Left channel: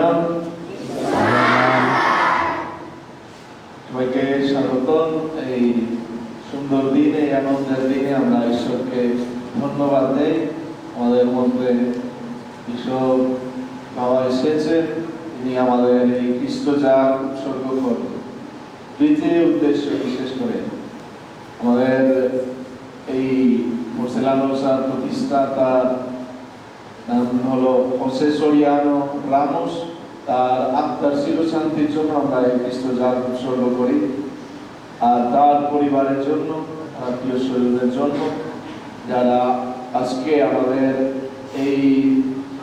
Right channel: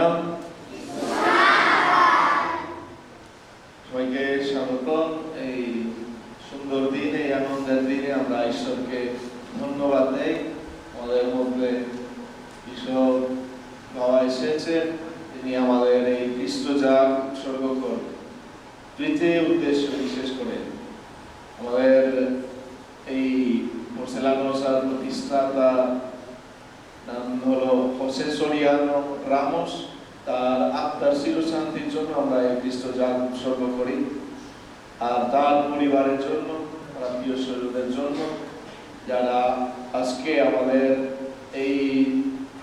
নাম সবাইকে স্বাগতম। এই সুন্দর দিন, এই আনন্দের দিনে আমরা ঈশ্বরকে ধন্যবাদ দেই। আমাদের মধ্যে ঈশ্বর বাবা এসেছেন, তিনি আমাদের এই খ্রিস্ট জাগ উৎসর্গ করবেন। দ্বিতীয় উদ্দেশ্য বিশেষ করে আমাদের এই পোর্সেলানোসার প্রতিষ্ঠাতা নাম হলো হোসে সরিয়ানো রামোস। তার আত্মার চিরশান্তির জন্য আমরা এই খ্রিস্ট জাগ উৎসর্গ করি, আর তার পরিবারের জন্য, আত্মীয় স্বজনের জন্য, যারা আজকে আমাদের এই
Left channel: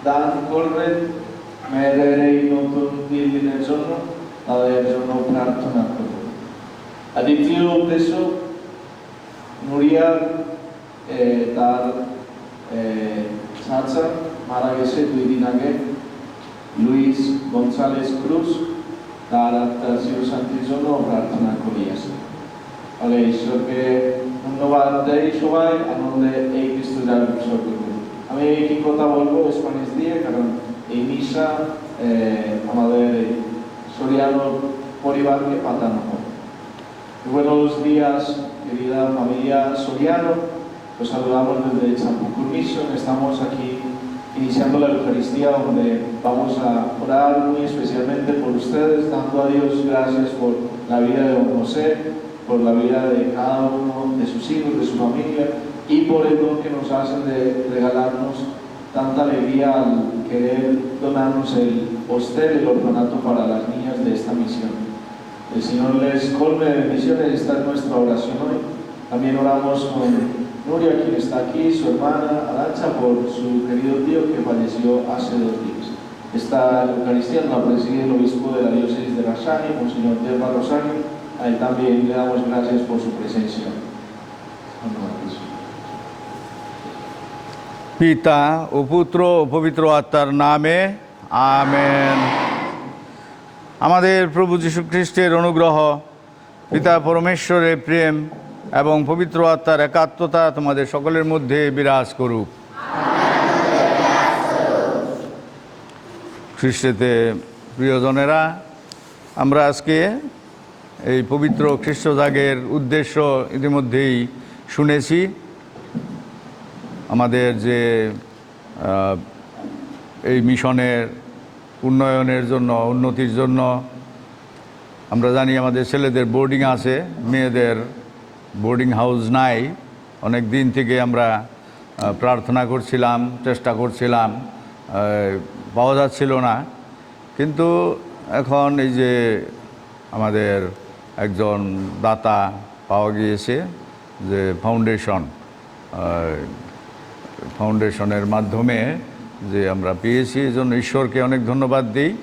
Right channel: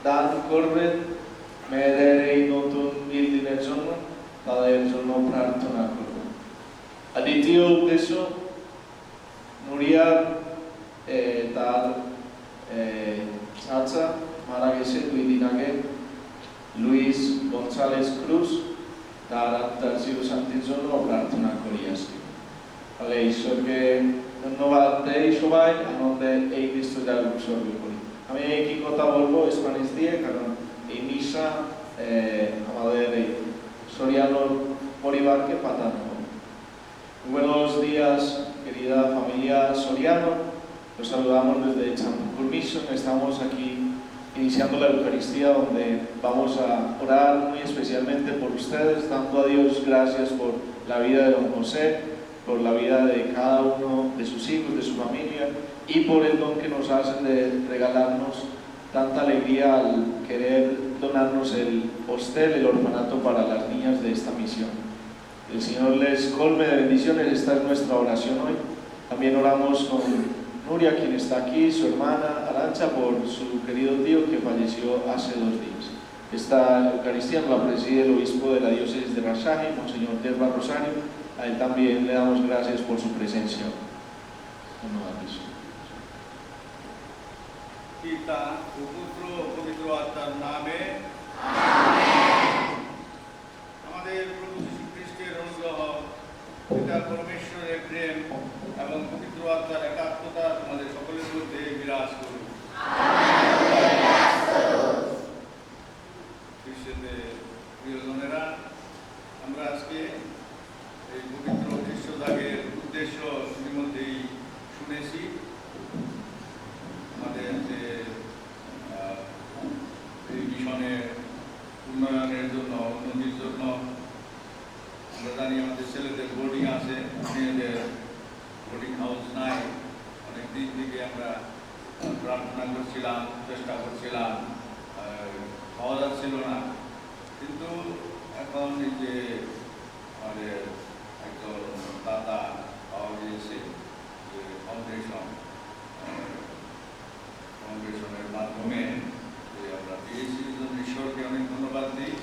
দান করবেন মেয়েদের এই নতুন দিনের জন্য, তাদের জন্য প্রার্থনা করব। আর দ্বিতীয় উদ্দেশ্য, নুরিয়া তার চাচা মারা গেছে 2 দিন আগে, লুইস গনসালেস ক্রুজ, তার আত্মার চিরশান্তির জন্য প্রার্থনা করি আসি। ফলে ঈশ্বরকে ধন্যবাদ দেই, সবাই আনন্দে এই খ্রিস্ট জাগ উৎসর্গ করি। আমি একই কথা বলবো স্প্যানিশ দিয়ে, কারণ এই মিশা আমাদের এই Soriano পরিবারকে পাঠানো হবে। Buenos días, querida familia Soriano. Los saludamos desde Champucur Mission. Estamos aquí iniciando la Eucaristía, donde vamos a orar muy especialmente por ustedes, dando a Dios gracias por la vida de don José, por la vida de cada uno de sus hijos, de su familia, y por el don que nos hacen de regalarnos tanta alegría al querer donarnos el hostel, el orfanato para las niñas de esta misión. El Señor les colme de bendiciones. Esta es nuestra oración hoy. También oramos con Nuria, quien está aquí, su hermana Arancha, por su querido tío que falleció hace 2 días. Esta Eucaristía la preside el obispo de la diócesis de Rasario, Monseñor Yerma Rosario. A él también le damos gracias por su presencia. পিতা ও পুত্র ও পবিত্র আত্মার নামে amen. আমাদের প্রভু যীশু খ্রিস্টের অনুগ্রহ, পিতা পরমেশ্বরের প্রেম এবং পবিত্র আত্মার একাত্মতা তোমাদের সকলের মধ্যে বিরাজ করুক। খ্রিস্টেতে প্রিয়জনেরা, আমরা আজকে এই পবিত্র খ্রিস্ট জাগের উদ্দেশ্য ইতিমধ্যেই শুনেছি। আমাদের যে এই মিশনের উন্নয়নের জন্য, উন্নতির জন্য, আমরা জানি আমাদের ছেলেদের বোর্ডিং আছে, মেয়েদের বোর্ডিং হাউস নাই। অনেক দিন থেকে আমরা প্রার্থনা করছিলাম, চেষ্টা করছিলাম, পাওয়া যাচ্ছিল না। কিন্তু এখন এই যে আমাদের একজন দাতা পাওয়া গিয়েছে, যে ফাউন্ডেশনের মাধ্যমে যে আমরা পেয়েছি, এই জন্য ঈশ্বরকে অনেক ধন্যবাদ দিই।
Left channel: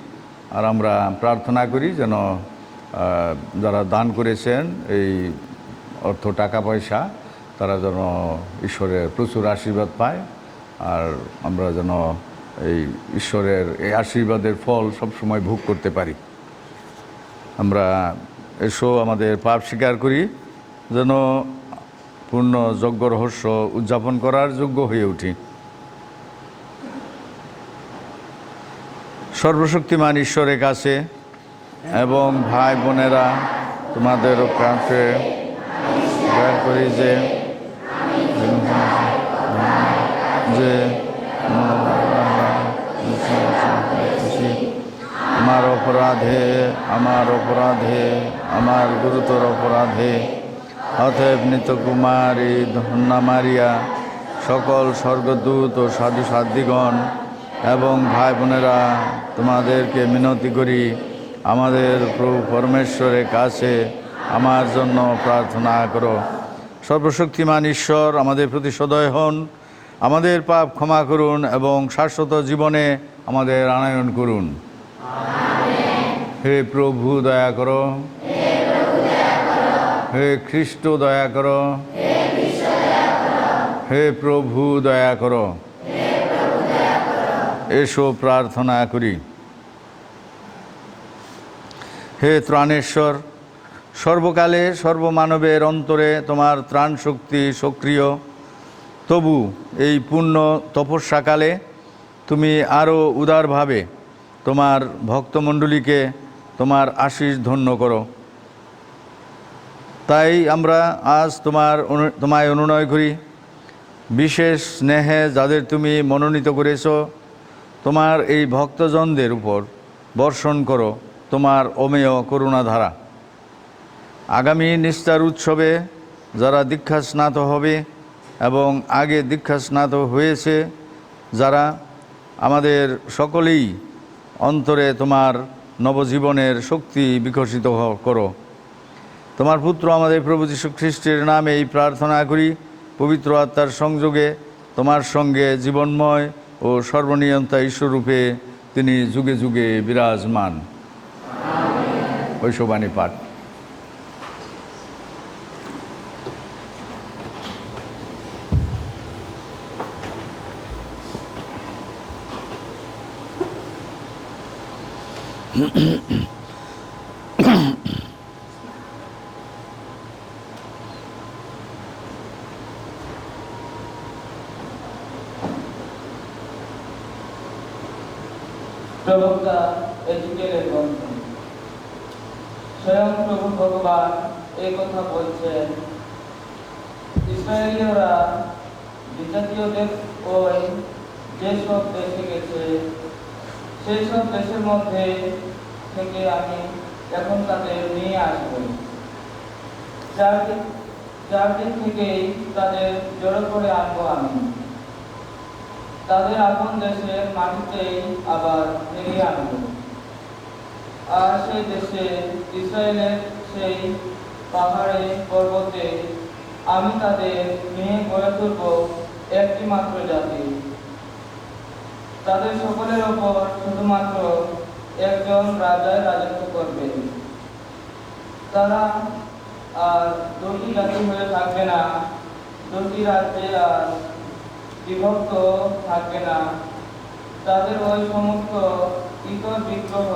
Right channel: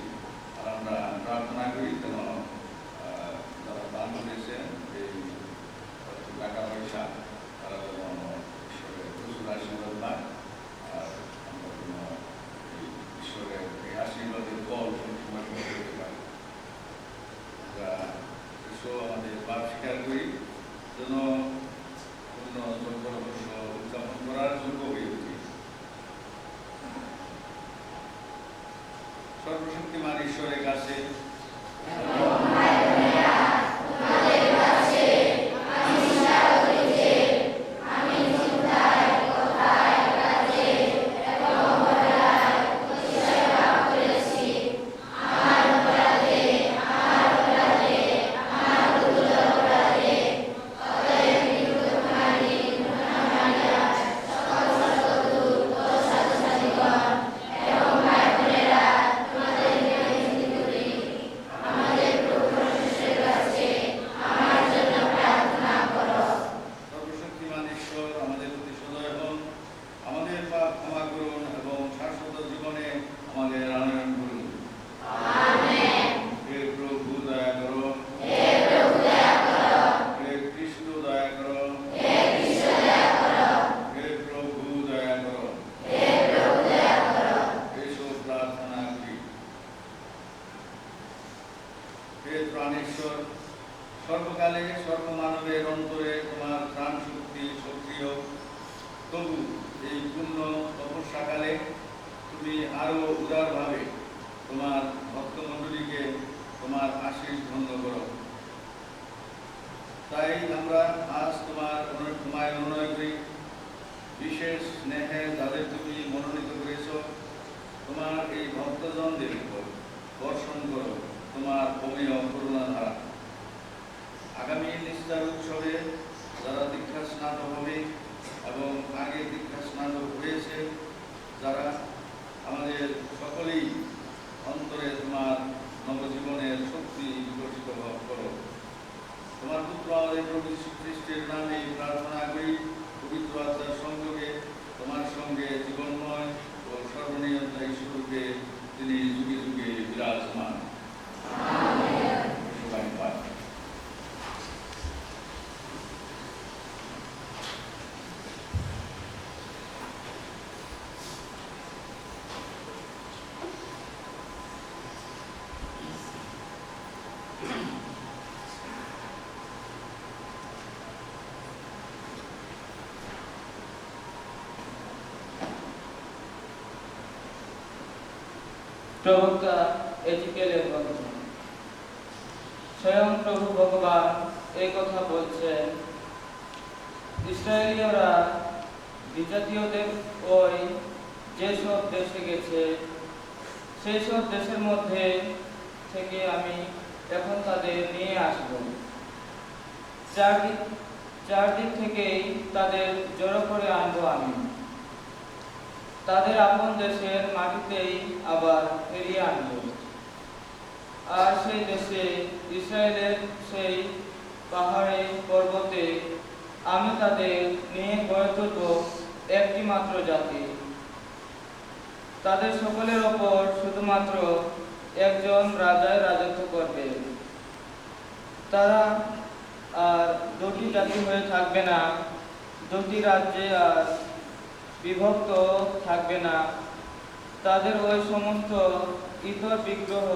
আর আমরা প্রার্থনা করি যেন যারা দান করেছেন এই অর্থ, টাকা পয়সা, তারা যেন ঈশ্বরের প্রচুর আশীর্বাদ পায়, আর আমরা যেন এই ঈশ্বরের এই আশীর্বাদের ফল সবসময় ভোগ করতে পারি। আমরা এসো আমাদের পাপ স্বীকার করি, যেন পূর্ণ যজ্ঞ রহস্য উদযাপন করার যোগ্য হয়ে উঠি। সর্বশক্তিমান ঈশ্বরের কাছে এবং ভাই বোনেরা, তোমাদের কাছে স্বীকার করি যে আমার গুরুতর অপরাধে অতএব নিত্যকুমারী ধন্যা মারিয়া, সকল স্বর্গদূত ও সাধু সাধ্বীগণ এবং ভাই বোনেরা, তোমাদেরকে মিনতি করি, আমাদের প্রভু পরমেশ্বরের কাছে আমার জন্য প্রার্থনা করো। সর্বশক্তিমান ঈশ্বর আমাদের প্রতি সদয় হন, আমাদের পাপ ক্ষমা করুন এবং শাশ্বত জীবনে আমাদের আনয়ন করুন। হে প্রভু দয়া করো, হে খ্রিস্ট দয়া করো, হে প্রভু দয়া করো। এসো প্রার্থনা করি। হে ত্রাণেশ্বর, সর্বকালে সর্বমানবের অন্তরে তোমার ত্রাণ শক্তি সক্রিয়। তবু এই পূর্ণ তপস্যাকালে তুমি আরও উদারভাবে তোমার ভক্তমণ্ডলীকে তোমার আশীষ ধন্য করো। তাই আমরা আজ তোমায় অনুনয় করি, বিশেষ স্নেহে যাদের তুমি মনোনীত করেছ, তোমার এই ভক্তজনদের উপর বর্ষণ করো তোমার অমেয় করুণাধারা। আগামী নিস্তার উৎসবে যারা দীক্ষাস্নাত হবে এবং আগে দীক্ষাস্নাত হয়েছে যারা, আমাদের সকলেই অন্তরে তোমার নবজীবনের শক্তি বিকশিত করো। তোমার পুত্র আমাদের প্রভু যীশু খ্রিস্টের নামে এই প্রার্থনা করি, পবিত্র আত্মার সংযোগে তোমার সঙ্গে জীবনময় ও সর্বনিয়ন্তা ঈশ্বররূপে তিনি যুগে যুগে বিরাজমান। ঐশবাণী পাঠ। প্রবক্তা এজিকেলের গ্রন্থ। স্বয়ং প্রভু ভগবান এই কথা বলছেন, ইসরায়েলীয়রা বিজাতীয়দের ওই যেসব দেশে গেছে, সেই সব দেশের মধ্যে থেকে আমি এখন তাদের নিয়ে আসব। চারদিক থেকেই তাদের জড়ো করে আনবো আমি, তাদের আপন দেশের মাটিতেই আবার ফিরিয়ে আনব। আর সেই দেশে ইসরায়েলের সেই পাহাড়ে পর্বতে আমি তাদের নিয়ে গড়ে তুলব একটি মাত্র জাতি। তাদের সকলের ওপর শুধুমাত্র একজন রাজার রাজত্ব করবে। তারা আর দুটি জাতি হয়ে থাকবে না, দুটি রাজ্যে আর বিভক্ত থাকবে না। তাদের ওই সমস্ত ইতর বিগ্রহ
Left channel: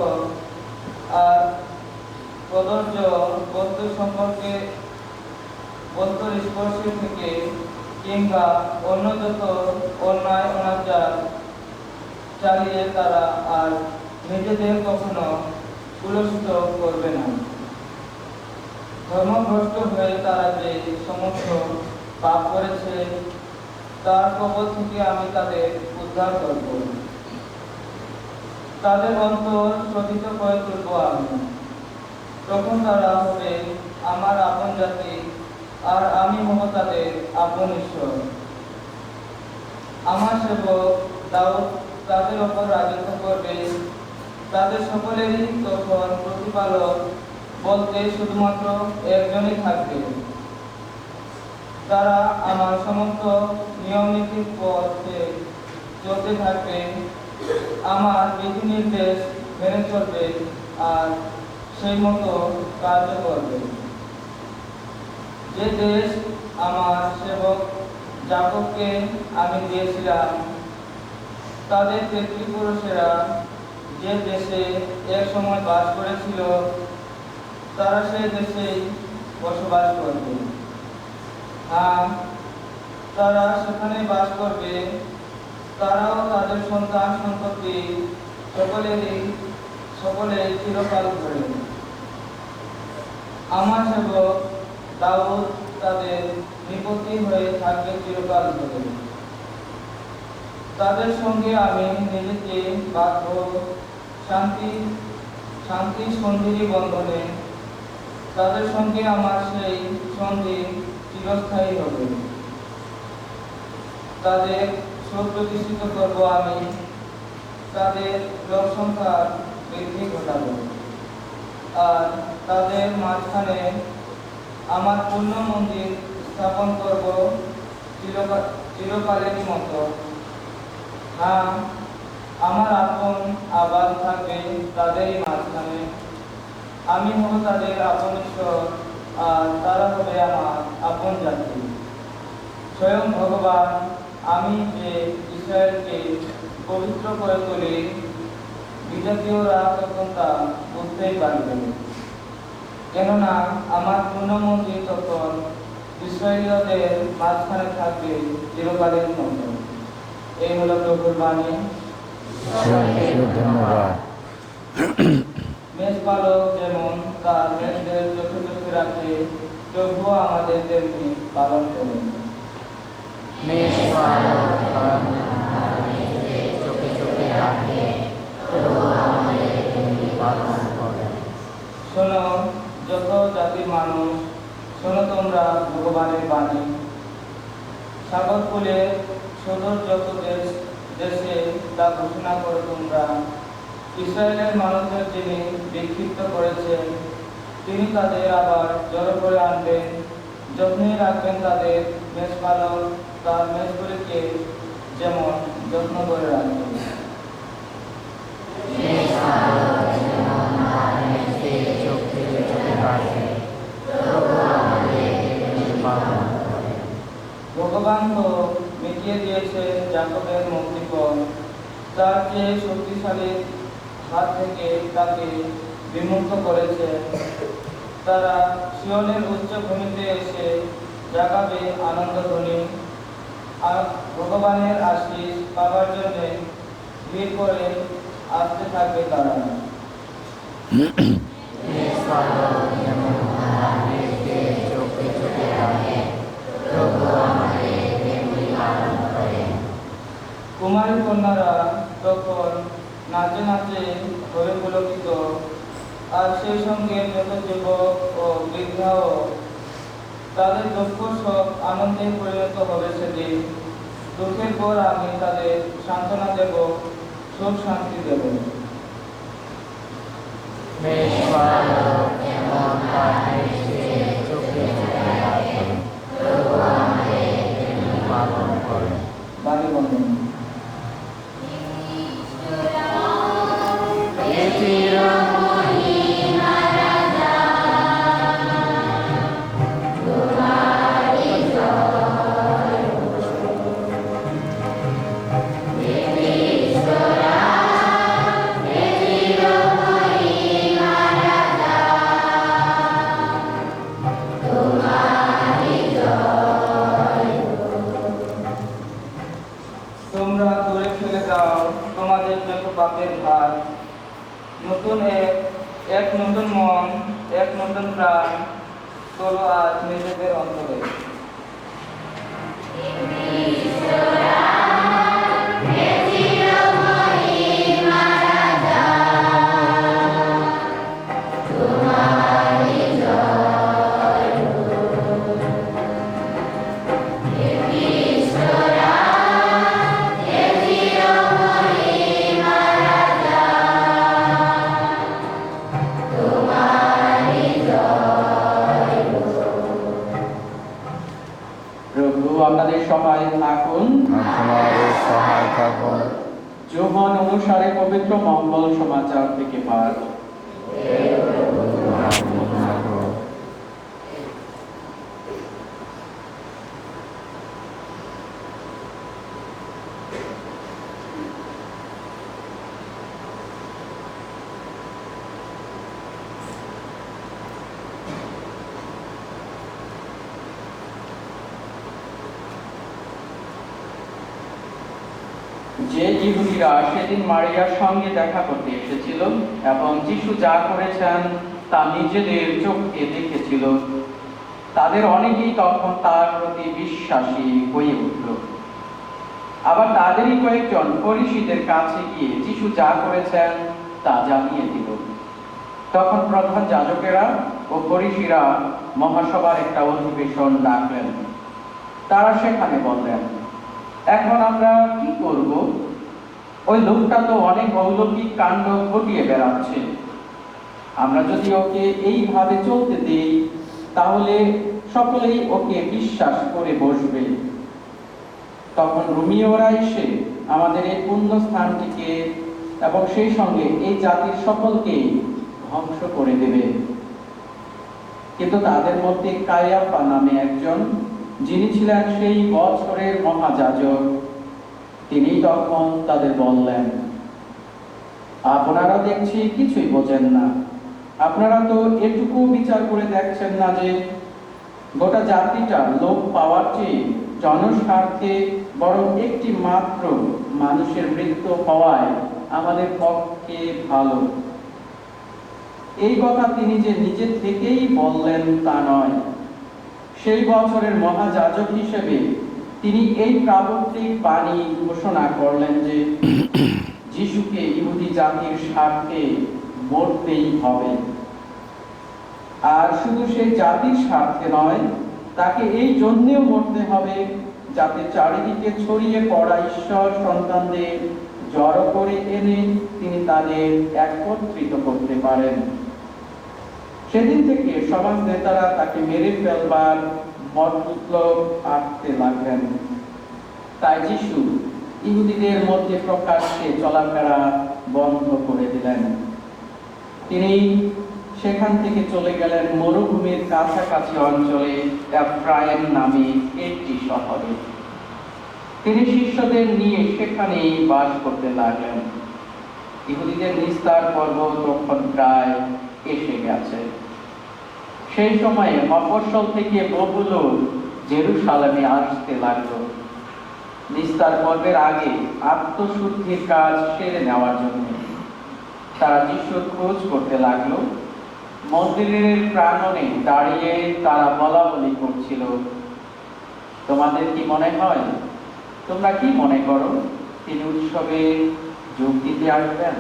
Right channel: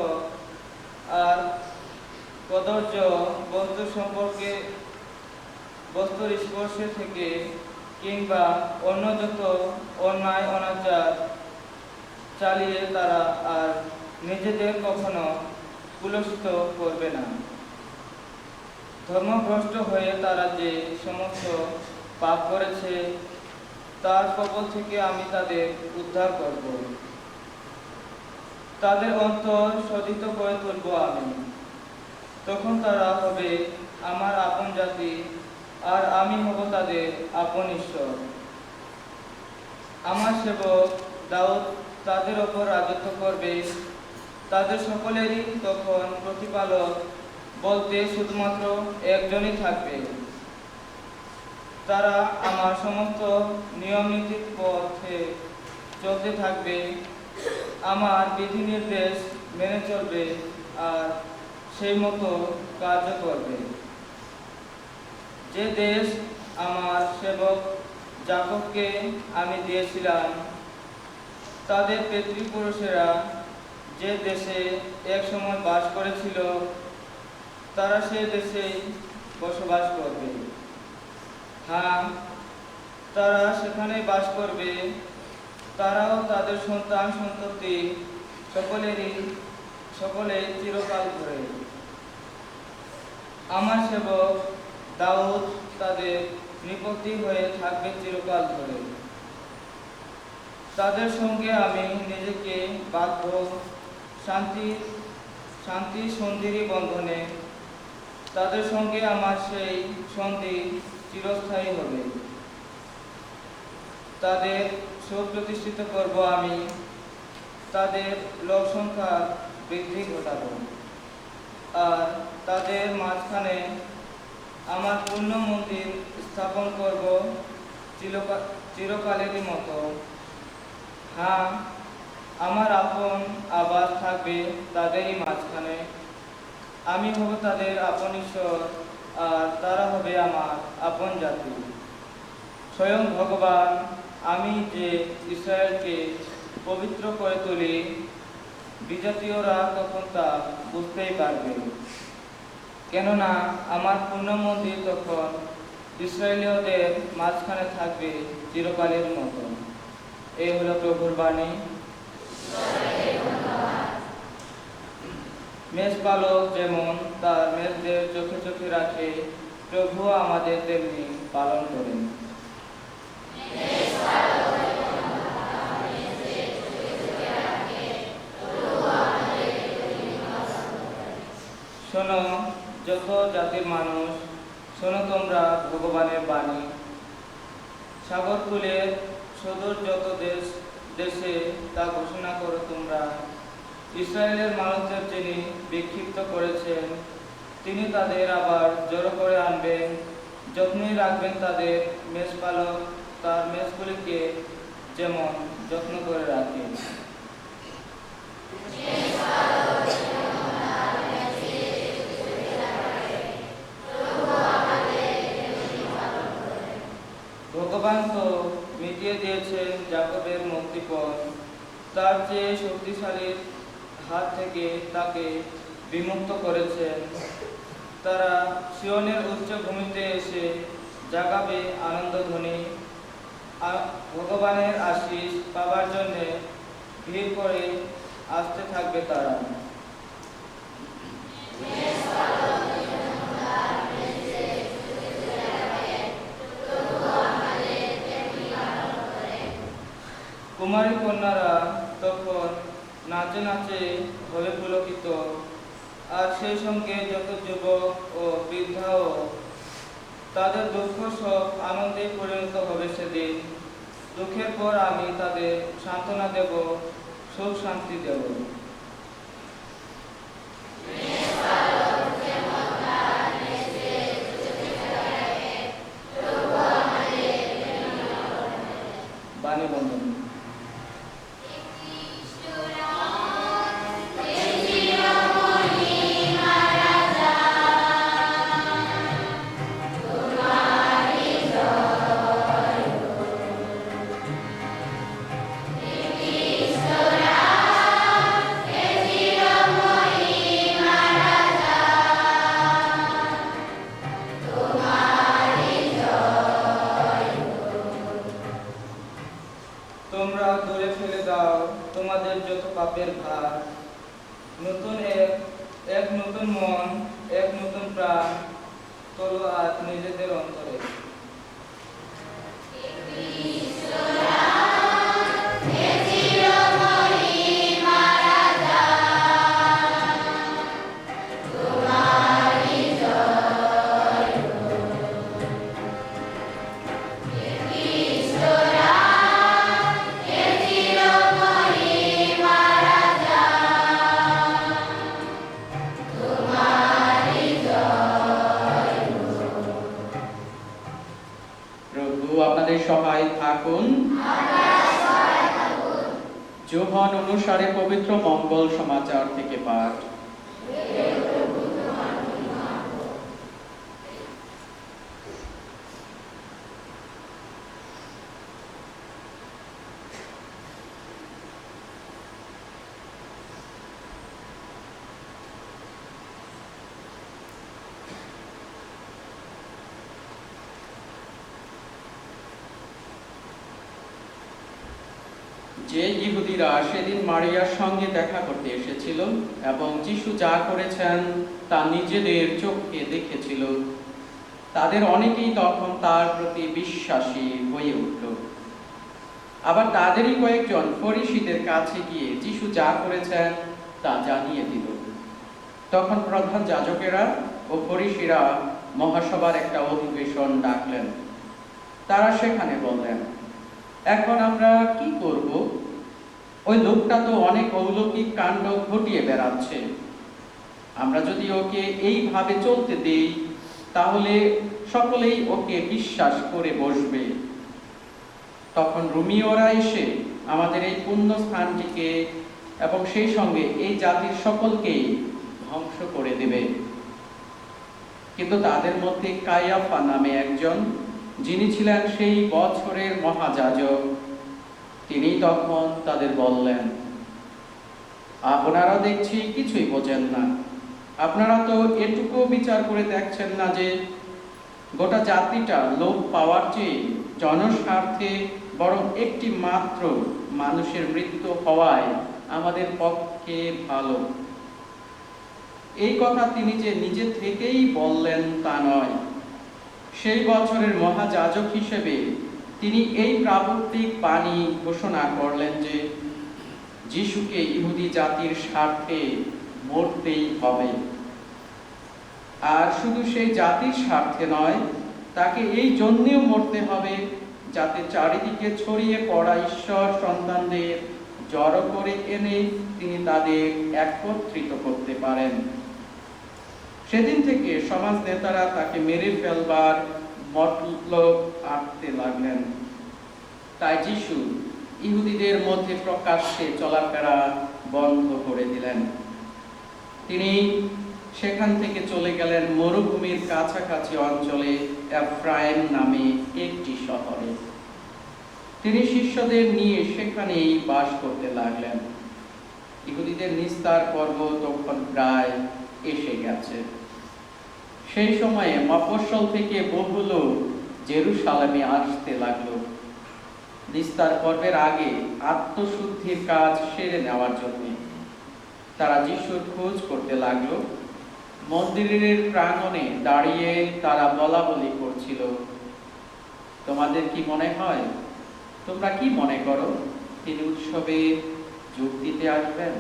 আর কদর্য বস্তু সম্পর্কে, বস্তুর স্পর্শে থেকে কিংবা অন্য যত অন্যায় অনাচার চালিয়ে তারা আর নিজেদের কখনো কুলসিত করবে না। ধর্মভ্রষ্ট হয়ে তারা যে সমস্ত পাপ করেছে তার কবল থেকে আমি তাদের উদ্ধার করব। তাদের অন্তর শোধিত করে তুলব আমি। তখন তারা হবে আমার আপন জাতি, আর আমি হব তাদের আপন ঈশ্বর। আমার সেবক দাউদ তাদের ওপর রাজত্ব করবে। তাদের সকলেরই তখন প্রতিপালক বলতে শুধুমাত্র একজনই থাকবে। তারা আমার সমস্ত নিয়মনীতির পথে চলতে থাকবে, আমার বিধি নির্দেশ মেনে চলবে আর সেই মতো কার্য করবে। যে দেশ আমার সেবক যাকবকে আমি দিয়েছিলাম, তাদের পিতৃপুরুষেরা যে দেশে এক সময় বাস করেছিল, তারা সেই দেশেই বসবাস করবে। হ্যাঁ, তারা সেখানে বাস করবে। তারাও তাদের সন্তান সন্ততি সকলে চিরকাল ধরে। আমার সেবক দাউদ তাদের নিকটই হয়ে থাকবে চিরকাল ধরে। তাদের সঙ্গে আমি নিজেকে বাঁধব শান্তি সন্ধির বন্ধনে। তাদের সঙ্গে আমার সেই সন্ধি চিরস্থায়ী হবে। তাদের শোক প্রতিষ্ঠিত করব আমি, তাদের লোক সংখ্যা বৃদ্ধি ঘটাব, আর তাদের মাঝখানে আমার পূর্ণ মন্দির স্থাপন করব চিরকালেরই মতো। হ্যাঁ, আমার আপন আবাদ থাকবে তাদেরই মাঝখানে। আমি হব তাদের আপন ঈশ্বর, আর তারা হবে আমার আপন জাতি। স্বয়ং ভগবান আমি যে ইসরায়েলকে পবিত্র করে তুলি, বিজাতীয়রা তখন তা বুঝতেই পারবে। কেননা আমার পূর্ণ মন্দির তখন ইসরায়েলীয়দের মাঝখানে থাকবে চিরকালের মতো। এই হলো প্রভুর বাণী। ধন্যবাদ। মেষপালক যেমন তার মেষদের চোখে চোখে রাখে, প্রভু আমাদের তেমনি পালন করেন। শোনো যত জাতির মানুষ, শোনো তোমরা ভগবানের বাণী। সাগরকুলের সুদূর যত দেশে তা ঘোষণা করো তোমরা। ইসরায়েলের মানুষদের যিনি বিক্ষিপ্ত করেছেন, তিনি তাদের আবার জড়ো করে আনবেন। যত্নে রাখবেন তাদের মেষপালক তার মেষগুলিকে যেমন যত্ন করে রাখবেন। ভগবান তো মিটিয়ে দিয়েছে যাকবের মুক্তিপণ, তার চেয়ে শক্তিশালী হাত থেকে তাকে বিমুক্ত করেছেন। তারা সিয়নের উচ্চ ভূমিতে এসে জাগাবে আনন্দধ্বনি। ভগবানের আশীষ পাবার জন্য ভিড় করে আসতে থাকবে তারা। কুমারী কন্যারা তখন নাচে নাচে হয়ে পুলকিত, আর সেই সঙ্গে যত যুবক ও বৃদ্ধাও, তাদের দুঃখ সব আনন্দে পরিণত হবে সেদিন। দুঃখের পর আমি তাদের সান্ত্বনা দেব, সুখ শান্তি দেব। বাণী বন্ধন। তোমরা দূরে ফেলে দাও তোমাদের যত পাপের ভার। নতুন এক নতুন মন, এক নতুন প্রাণ তোলো আজ নিজেদের অন্তরে। প্রভু আপনাদের সহায় থাকুন। যোহান অনুসারে পবিত্র মঙ্গল সমাচার থেকে পাঠ। যে ইহুদিরা সেদিন মারিয়ার সঙ্গে দেখা করতে এসেছিল এবং যিশু যা করেছেন তা নিজেদের চোখে দেখেছিল, তাদের অনেকেই তখন তার প্রতি বিশ্বাসী হয়ে উঠল। আবার তাদেরই কয়েকজন ফরিসীদের কাছে গিয়ে যিশু যা করেছেন তা জানিয়ে দিল। তখন প্রধান যাজকেরা ও ফরিসীরা মহাসভার একটা অধিবেশন ডাকলেন। তারা সেখানে বললেন, এখন আমরা কি করব? ওই লোকটা তো অনেক অলৌকিক কাণ্ড ঘটিয়ে বেড়াচ্ছে। আমরা যদি ওকে এইভাবে চলতে দেই, তাহলে সকলেই ওকে বিশ্বাস করে বসবে। তখন রোমীয়রা এসে আমাদের এই পুণ্য স্থানটিকে এবং সেই সঙ্গে এই জাতির সকলকেই ধ্বংস করে দেবে। কিন্তু তাদের মধ্যে কায়াফা নামে একজন, যিনি ছিলেন সেই বছরের মহাযাজক, তিনি তখন তাদের বললেন, আপনারা দেখছি কিছুই বোঝেন না। আপনারা তো এটুকু বিচার করে দেখছেন না যে গোটা জাতিটা লোপ পাওয়ার চেয়ে জনস্বার্থে বরং একটি মাত্র মানুষের মৃত্যু হওয়ায় আমাদের পক্ষে ভালো। এই কথা তিনি যে নিজে থেকেই বললেন তা নয়। সেই বছরের মহাযাজক হিসেবে তিনি এই প্রাবন্ধিক বাণী ঘোষণা করলেন যে যিশুকে ইহুদি জাতির স্বার্থে মরতেই হবে। আর শুধু সেই জাতির স্বার্থে নয়, তাকে এই জন্যও মরতে হবে যাতে চারিদিকে ছড়িয়ে পড়া ঈশ্বর সন্তানদের জড়ো করে এনে তিনি তাদের একত্রিত করতে পারেন। সেদিন থেকে সমাজ নেতারা তাকে মেরে ফেলবার মতলব আঁটতে লাগলেন। তাই যিশু ইহুদিদের মধ্যে প্রকাশ্যে চলাফেরা বন্ধ করে দিলেন। তিনি সেখান থেকে চলে গেলেন মরুভূমির কাছাকাছি অঞ্চলে এফ্রাইম নামে একটি শহরে। তিনি শিষ্যদের নিয়ে সেখানেই বাস করতে লাগলেন। ইহুদিদের নিস্তার পর্ব তখন প্রায় এসে গেছে। সেই সময়ে মফস্বল থেকে বহু লোক জেরুসালেমে আসতে লাগলো নিস্তার পর্বের আগে আত্মশুদ্ধির কাজ সেরে নেওয়ার জন্য। তারা যিশুর খোঁজ করতে লাগলো। মন্দিরের প্রাঙ্গণে দাঁড়িয়ে তারা বলা বলি করছিল, তোমাদের কি মনে হয়, তোমরা কি মনে করো তিনি উৎসবে যোগ দিতে আসবেন?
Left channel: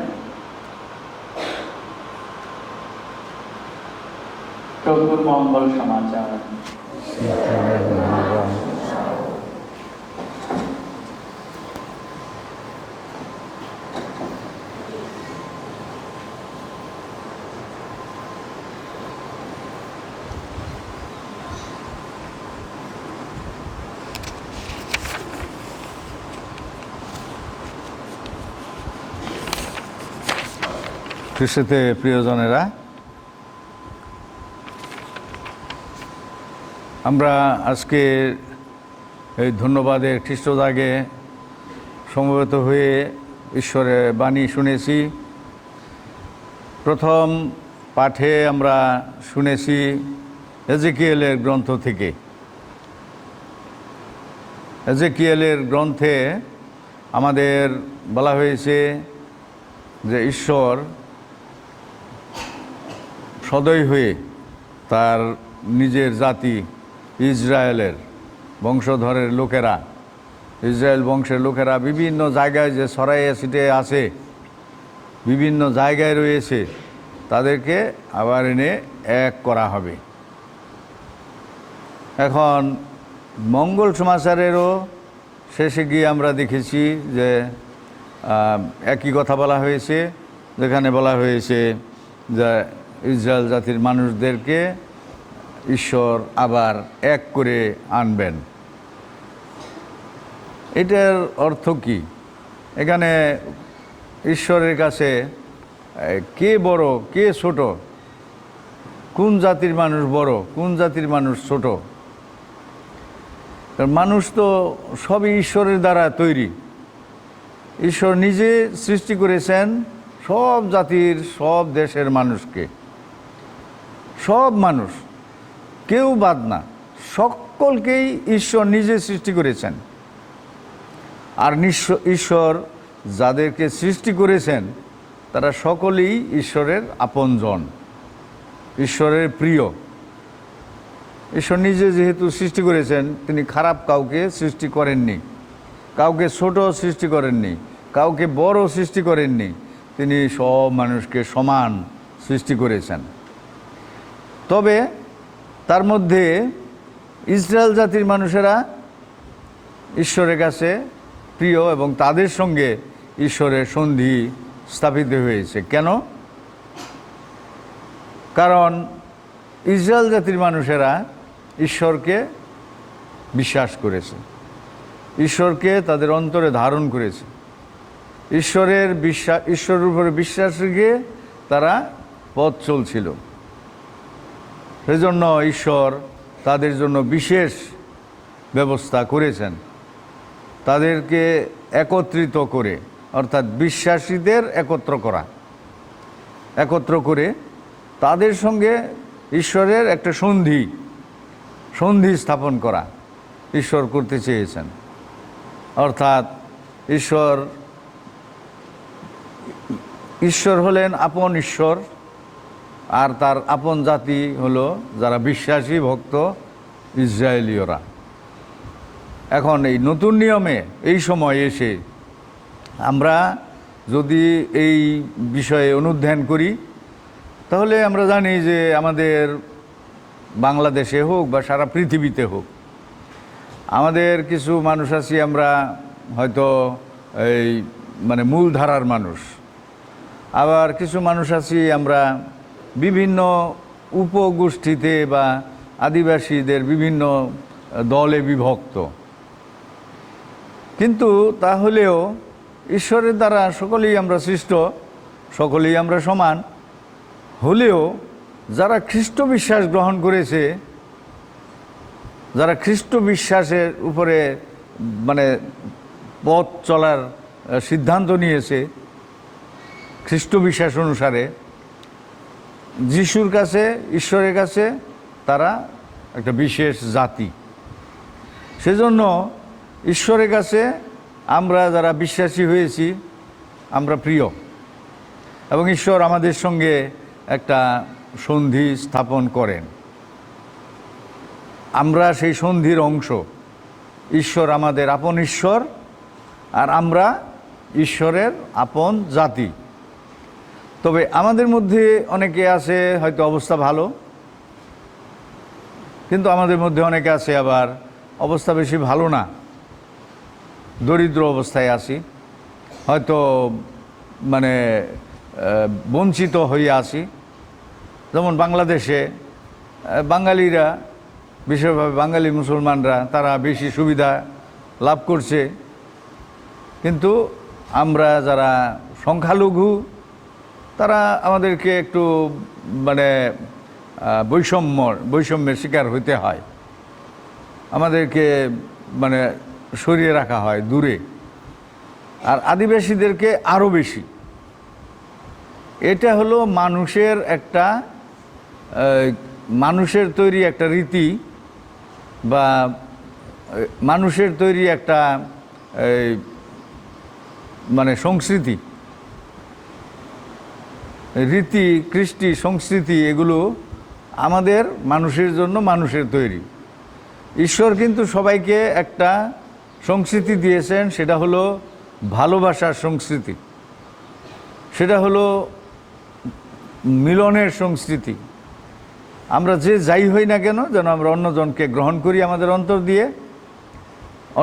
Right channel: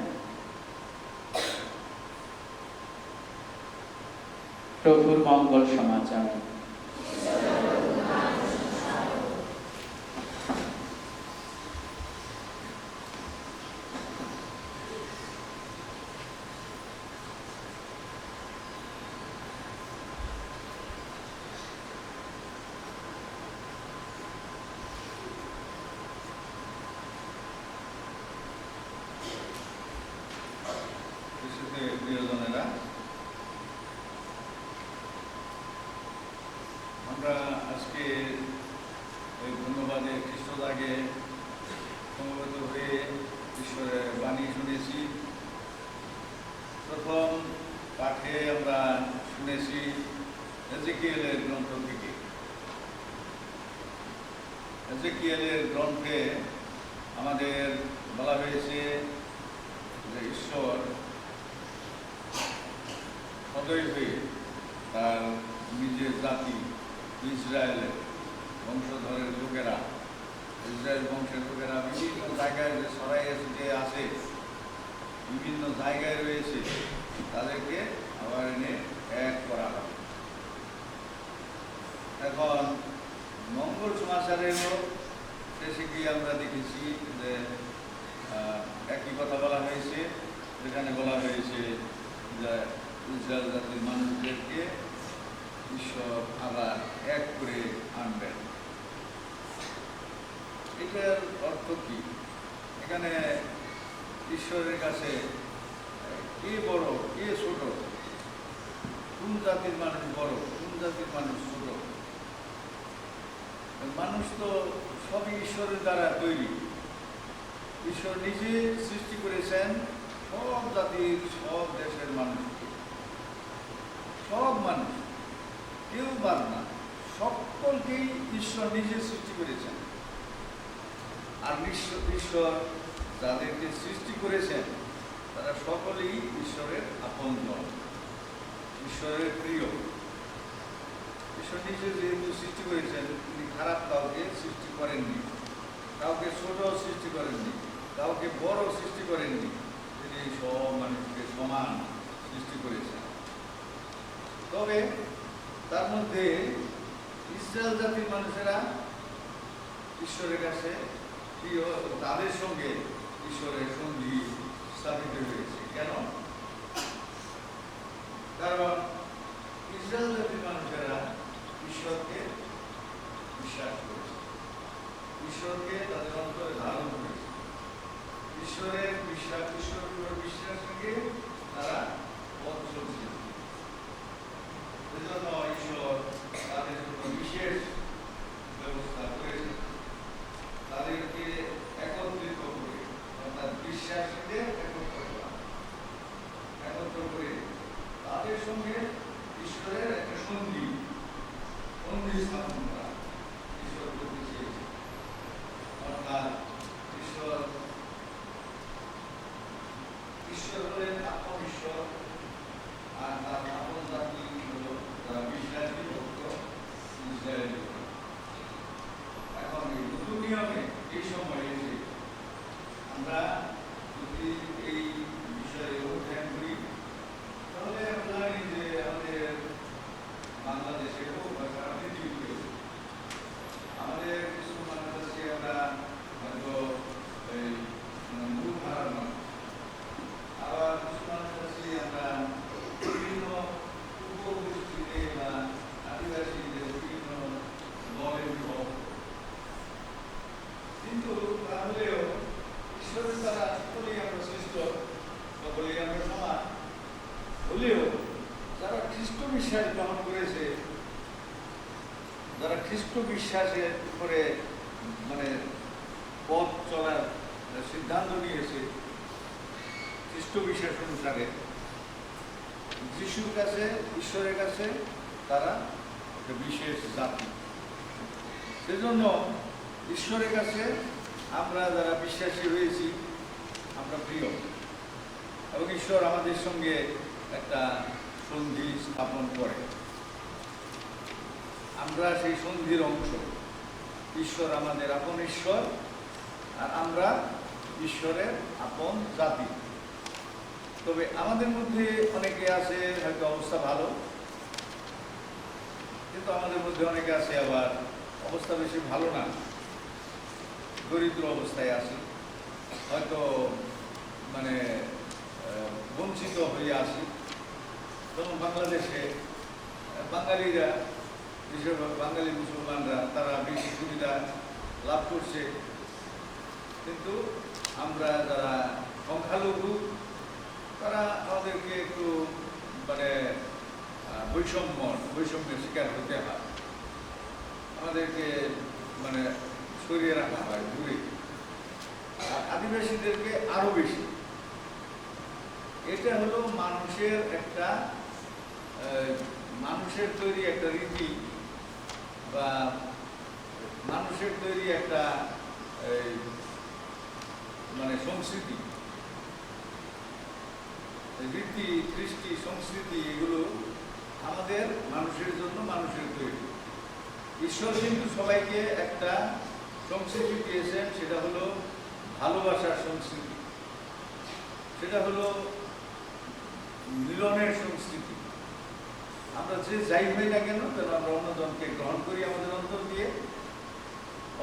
প্রভুর মঙ্গল সমাচার। খ্রিস্টতে প্রিয়জনেরা, আমরা আজকে এই ধন্যবাদের খ্রিস্টদাগে সমবেত হয়ে ঈশ্বরের বাণী শুনেছি। প্রথম পাঠে আমরা শুনেছি এজেকিয়েলের গ্রন্থ থেকে। এজেকিয়েলের গ্রন্থে আমাদের বলা হয়েছে যে ঈশ্বর সদয় হয়ে তার নিজের জাতি ইসরায়েলের বংশধরের লোকেরা, ইসরায়েল বংশের লোকেরা বিভিন্ন জায়গায় যে ছড়াইয়া ছিটিয়ে আছে, বিভিন্ন জায়গায় রয়েছে, তাদেরকে আবার এনে এক করা হবে। এখন মঙ্গল সমাচারেরও শেষে গিয়ে আমরা দেখেছি যে একই কথা বলা হয়েছে, যেখানে বলা হয়েছে যে ইসরায়েল জাতির মানুষদেরকে ঈশ্বর আবার এক করে আনবেন। এটার অর্থ কি? এখানে ঈশ্বরের কাছে কে বড় কে ছোট, কোন জাতির মানুষ বড় কোন জাতির মানুষ ছোট? মানুষ তো সবই ঈশ্বরের দ্বারা তৈরি। ঈশ্বর নিজে সৃষ্টি করেছেন সব জাতির সব দেশের মানুষকে, সব মানুষ, কেউ বাদ না, সকলকেই ঈশ্বর নিজে সৃষ্টি করেছেন। আর ঈশ্বর যাদেরকে সৃষ্টি করেছেন তারা সকলেই ঈশ্বরের আপনজন, ঈশ্বরের প্রিয়। ঈশ্বর নিজে যেহেতু সৃষ্টি করেছেন, তিনি খারাপ কাউকে সৃষ্টি করেননি, কাউকে ছোট সৃষ্টি করেননি, কাউকে বড় সৃষ্টি করেননি। তিনি সব মানুষকে সমান সৃষ্টি করেছেন। তবে তার মধ্যে ইসরায়েল জাতির মানুষেরা ঈশ্বরের কাছে প্রিয় এবং তাদের সঙ্গে ঈশ্বরের সন্ধি স্থাপিত হয়েছে। কেন? কারণ ইসরায়েল জাতির মানুষেরা ঈশ্বরকে বিশ্বাস করেছে, ঈশ্বরকে তাদের অন্তরে ধারণ করেছে, ঈশ্বরের উপরে বিশ্বাস রেখে তারা পথ চলছিল। সেজন্য ঈশ্বর তাদের জন্য বিশেষ ব্যবস্থা করেছেন, তাদেরকে একত্রিত করে, অর্থাৎ বিশ্বাসীদের একত্র করে তাদের সঙ্গে ঈশ্বরের একটা সন্ধি স্থাপন করা ঈশ্বর করতে চেয়েছেন। অর্থাৎ ঈশ্বর হলেন আপন ঈশ্বর, আর তার আপন জাতি হলো যারা বিশ্বাসী ভক্ত ইসরায়েলীয়রা। এখন এই নতুন নিয়মে এই সময় এসে আমরা যদি এই বিষয়ে অনুধ্যান করি, তাহলে আমরা জানি যে আমাদের বাংলাদেশে হোক বা সারা পৃথিবীতে হোক, আমাদের কিছু মানুষ আছি আমরা হয়তো এই মানে মূলধারার মানুষ, আবার কিছু মানুষ আছি আমরা বিভিন্ন উপগোষ্ঠীতে বা আদিবাসীদের বিভিন্ন দলে বিভক্ত। কিন্তু তাহলেও ঈশ্বরের দ্বারা সকলেই আমরা সৃষ্ট, সকলেই আমরা সমান হলেও যারা খ্রিস্ট বিশ্বাস গ্রহণ করেছে, যারা খ্রিস্ট বিশ্বাসের উপরে মানে পথ চলার সিদ্ধান্ত নিয়েছে খ্রিস্ট বিশ্বাস অনুসারে, যিশুর কাছে, ঈশ্বরের কাছে তারা একটা বিশেষ জাতি। সেজন্য ঈশ্বরের কাছে আমরা যারা বিশ্বাসী হয়েছি আমরা প্রিয়, এবং ঈশ্বর আমাদের সঙ্গে একটা সন্ধি স্থাপন করেন। আমরা সেই সন্ধির অংশ। ঈশ্বর আমাদের আপন ঈশ্বর, আর আমরা ঈশ্বরের আপন জাতি। তবে আমাদের মধ্যে অনেকে আছে হয়তো অবস্থা ভালো, কিন্তু আমাদের মধ্যে অনেকে আছে আবার অবস্থা বেশি ভালো না, দরিদ্র অবস্থায় আছি, হয়তো মানে বঞ্চিত হয়ে আছি। যেমন বাংলাদেশে বাঙালিরা, বিশেষভাবে বাঙালি মুসলমানরা, তারা বেশি সুবিধা লাভ করছে, কিন্তু আমরা যারা সংখ্যালঘু তারা আমাদেরকে একটু মানে বৈষম্যের শিকার হইতে হয়, আমাদেরকে মানে সরিয়ে রাখা হয় দূরে, আর আদিবাসীদেরকে আরও বেশি। এটা হলো মানুষের তৈরি একটা রীতি, বা মানুষের তৈরি একটা মানে সংস্কৃতি, রীতি, কৃষ্টি, সংস্কৃতি, এগুলো আমাদের মানুষের জন্য মানুষের তৈরি। ঈশ্বর কিন্তু সবাইকে একটা সংস্কৃতি দিয়েছেন, সেটা হলো ভালোবাসার সংস্কৃতি, সেটা হলো মিলনের সংস্কৃতি। আমরা যে যাই হই না কেন, যেন আমরা অন্যজনকে গ্রহণ করি আমাদের অন্তর দিয়ে,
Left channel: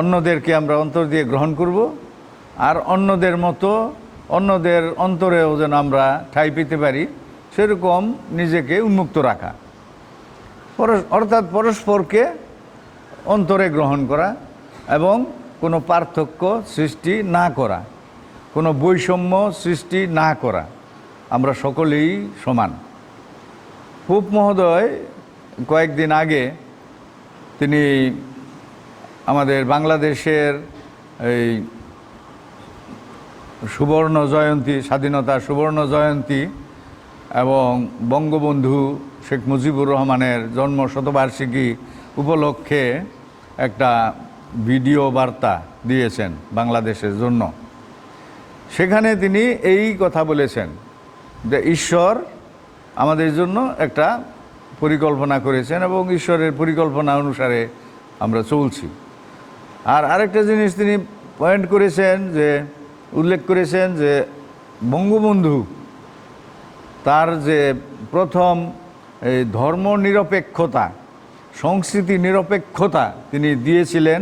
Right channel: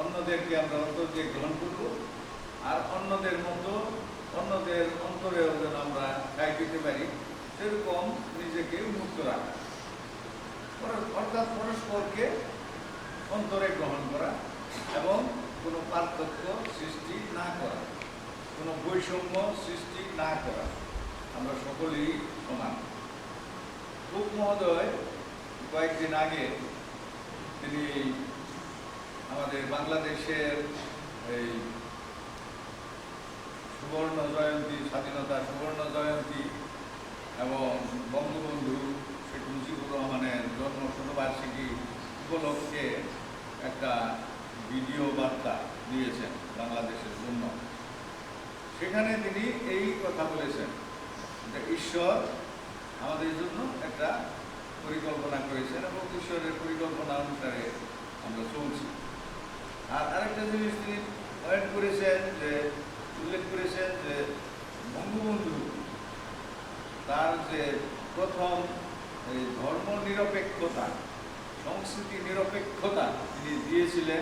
অন্যদেরকে আমরা অন্তর দিয়ে গ্রহণ করব, আর অন্যদের মতো অন্যদের অন্তরেও যেন আমরা ঠাঁই পেতে পারি, সেরকম নিজেকে উন্মুক্ত রাখা, অর্থাৎ পরস্পরকে অন্তরে গ্রহণ করা এবং কোনো পার্থক্য সৃষ্টি না করা, কোনো বৈষম্য সৃষ্টি না করা। আমরা সকলেই সমান। পোপ মহোদয় কয়েকদিন আগে তিনি আমাদের বাংলাদেশের এই সুবর্ণ জয়ন্তী, স্বাধীনতার সুবর্ণ জয়ন্তী এবং বঙ্গবন্ধু শেখ মুজিবুর রহমানের জন্ম শতবার্ষিকী উপলক্ষে একটা ভিডিও বার্তা দিয়েছেন বাংলাদেশের জন্য। সেখানে তিনি এই কথা বলেছেন যে ঈশ্বর আমাদের জন্য একটা পরিকল্পনা করেছেন এবং ঈশ্বরের পরিকল্পনা অনুসারে আমরা চলছি। আর আরেকটা জিনিস তিনি পয়েন্ট করেছেন, যে উল্লেখ করেছেন যে বঙ্গবন্ধু তার যে প্রথম এই ধর্ম নিরপেক্ষতা, সংস্কৃতি নিরপেক্ষতা তিনি দিয়েছিলেন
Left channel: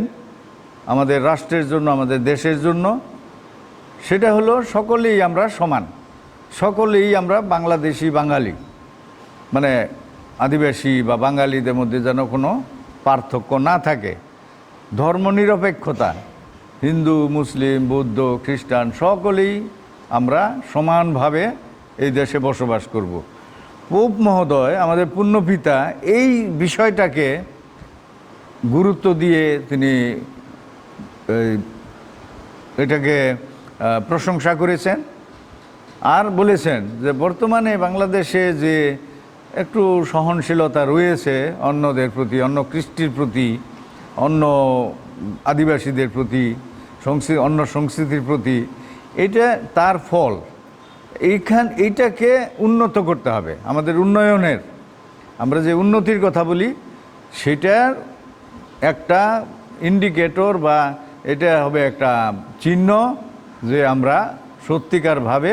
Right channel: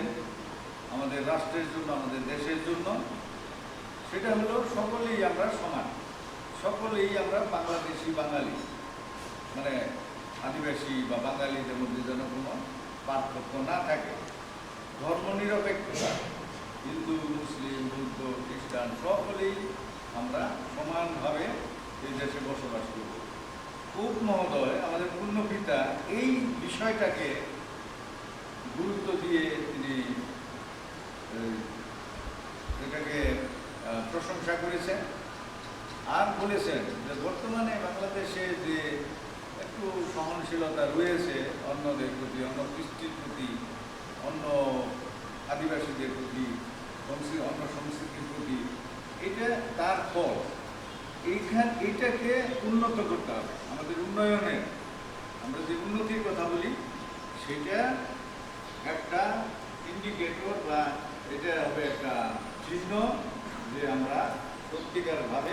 আমাদের রাষ্ট্রের জন্য, আমাদের দেশের জন্য, সেটা হলো সকলেই আমরা সমান, সকলেই আমরা বাংলাদেশি বাঙালি, মানে আদিবাসী বা বাঙালিদের মধ্যে যেন কোনো পার্থক্য না থাকে। ধর্মনিরপেক্ষতা, হিন্দু, মুসলিম, বৌদ্ধ, খ্রিস্টান সকলেই আমরা সমানভাবে এই দেশে বসবাস করব। পোপ মহোদয় আমাদের পুণ্যপিতা এই বিষয়টাকে গুরুত্ব দিয়ে তিনি এটাকে প্রশংসা করেছেন, আর বলেছেন যে বর্তমানে বাংলাদেশে যে একটু সহনশীলতা রয়েছে অন্যদের প্রতি, অন্য কৃষ্টির প্রতি, অন্য আদিবাসীদের প্রতি, অন্য সংস্কৃতির প্রতি, এটা তার ফল। এইটাকে উন্নত করতে হবে, আমাদের উন্নয়নের, আমরা যে উন্নতির কথা বলি সেটার একটা ইন্ডিকেটর বা এটা হবে একটা চিহ্ন যে আমরা সত্যিকারভাবে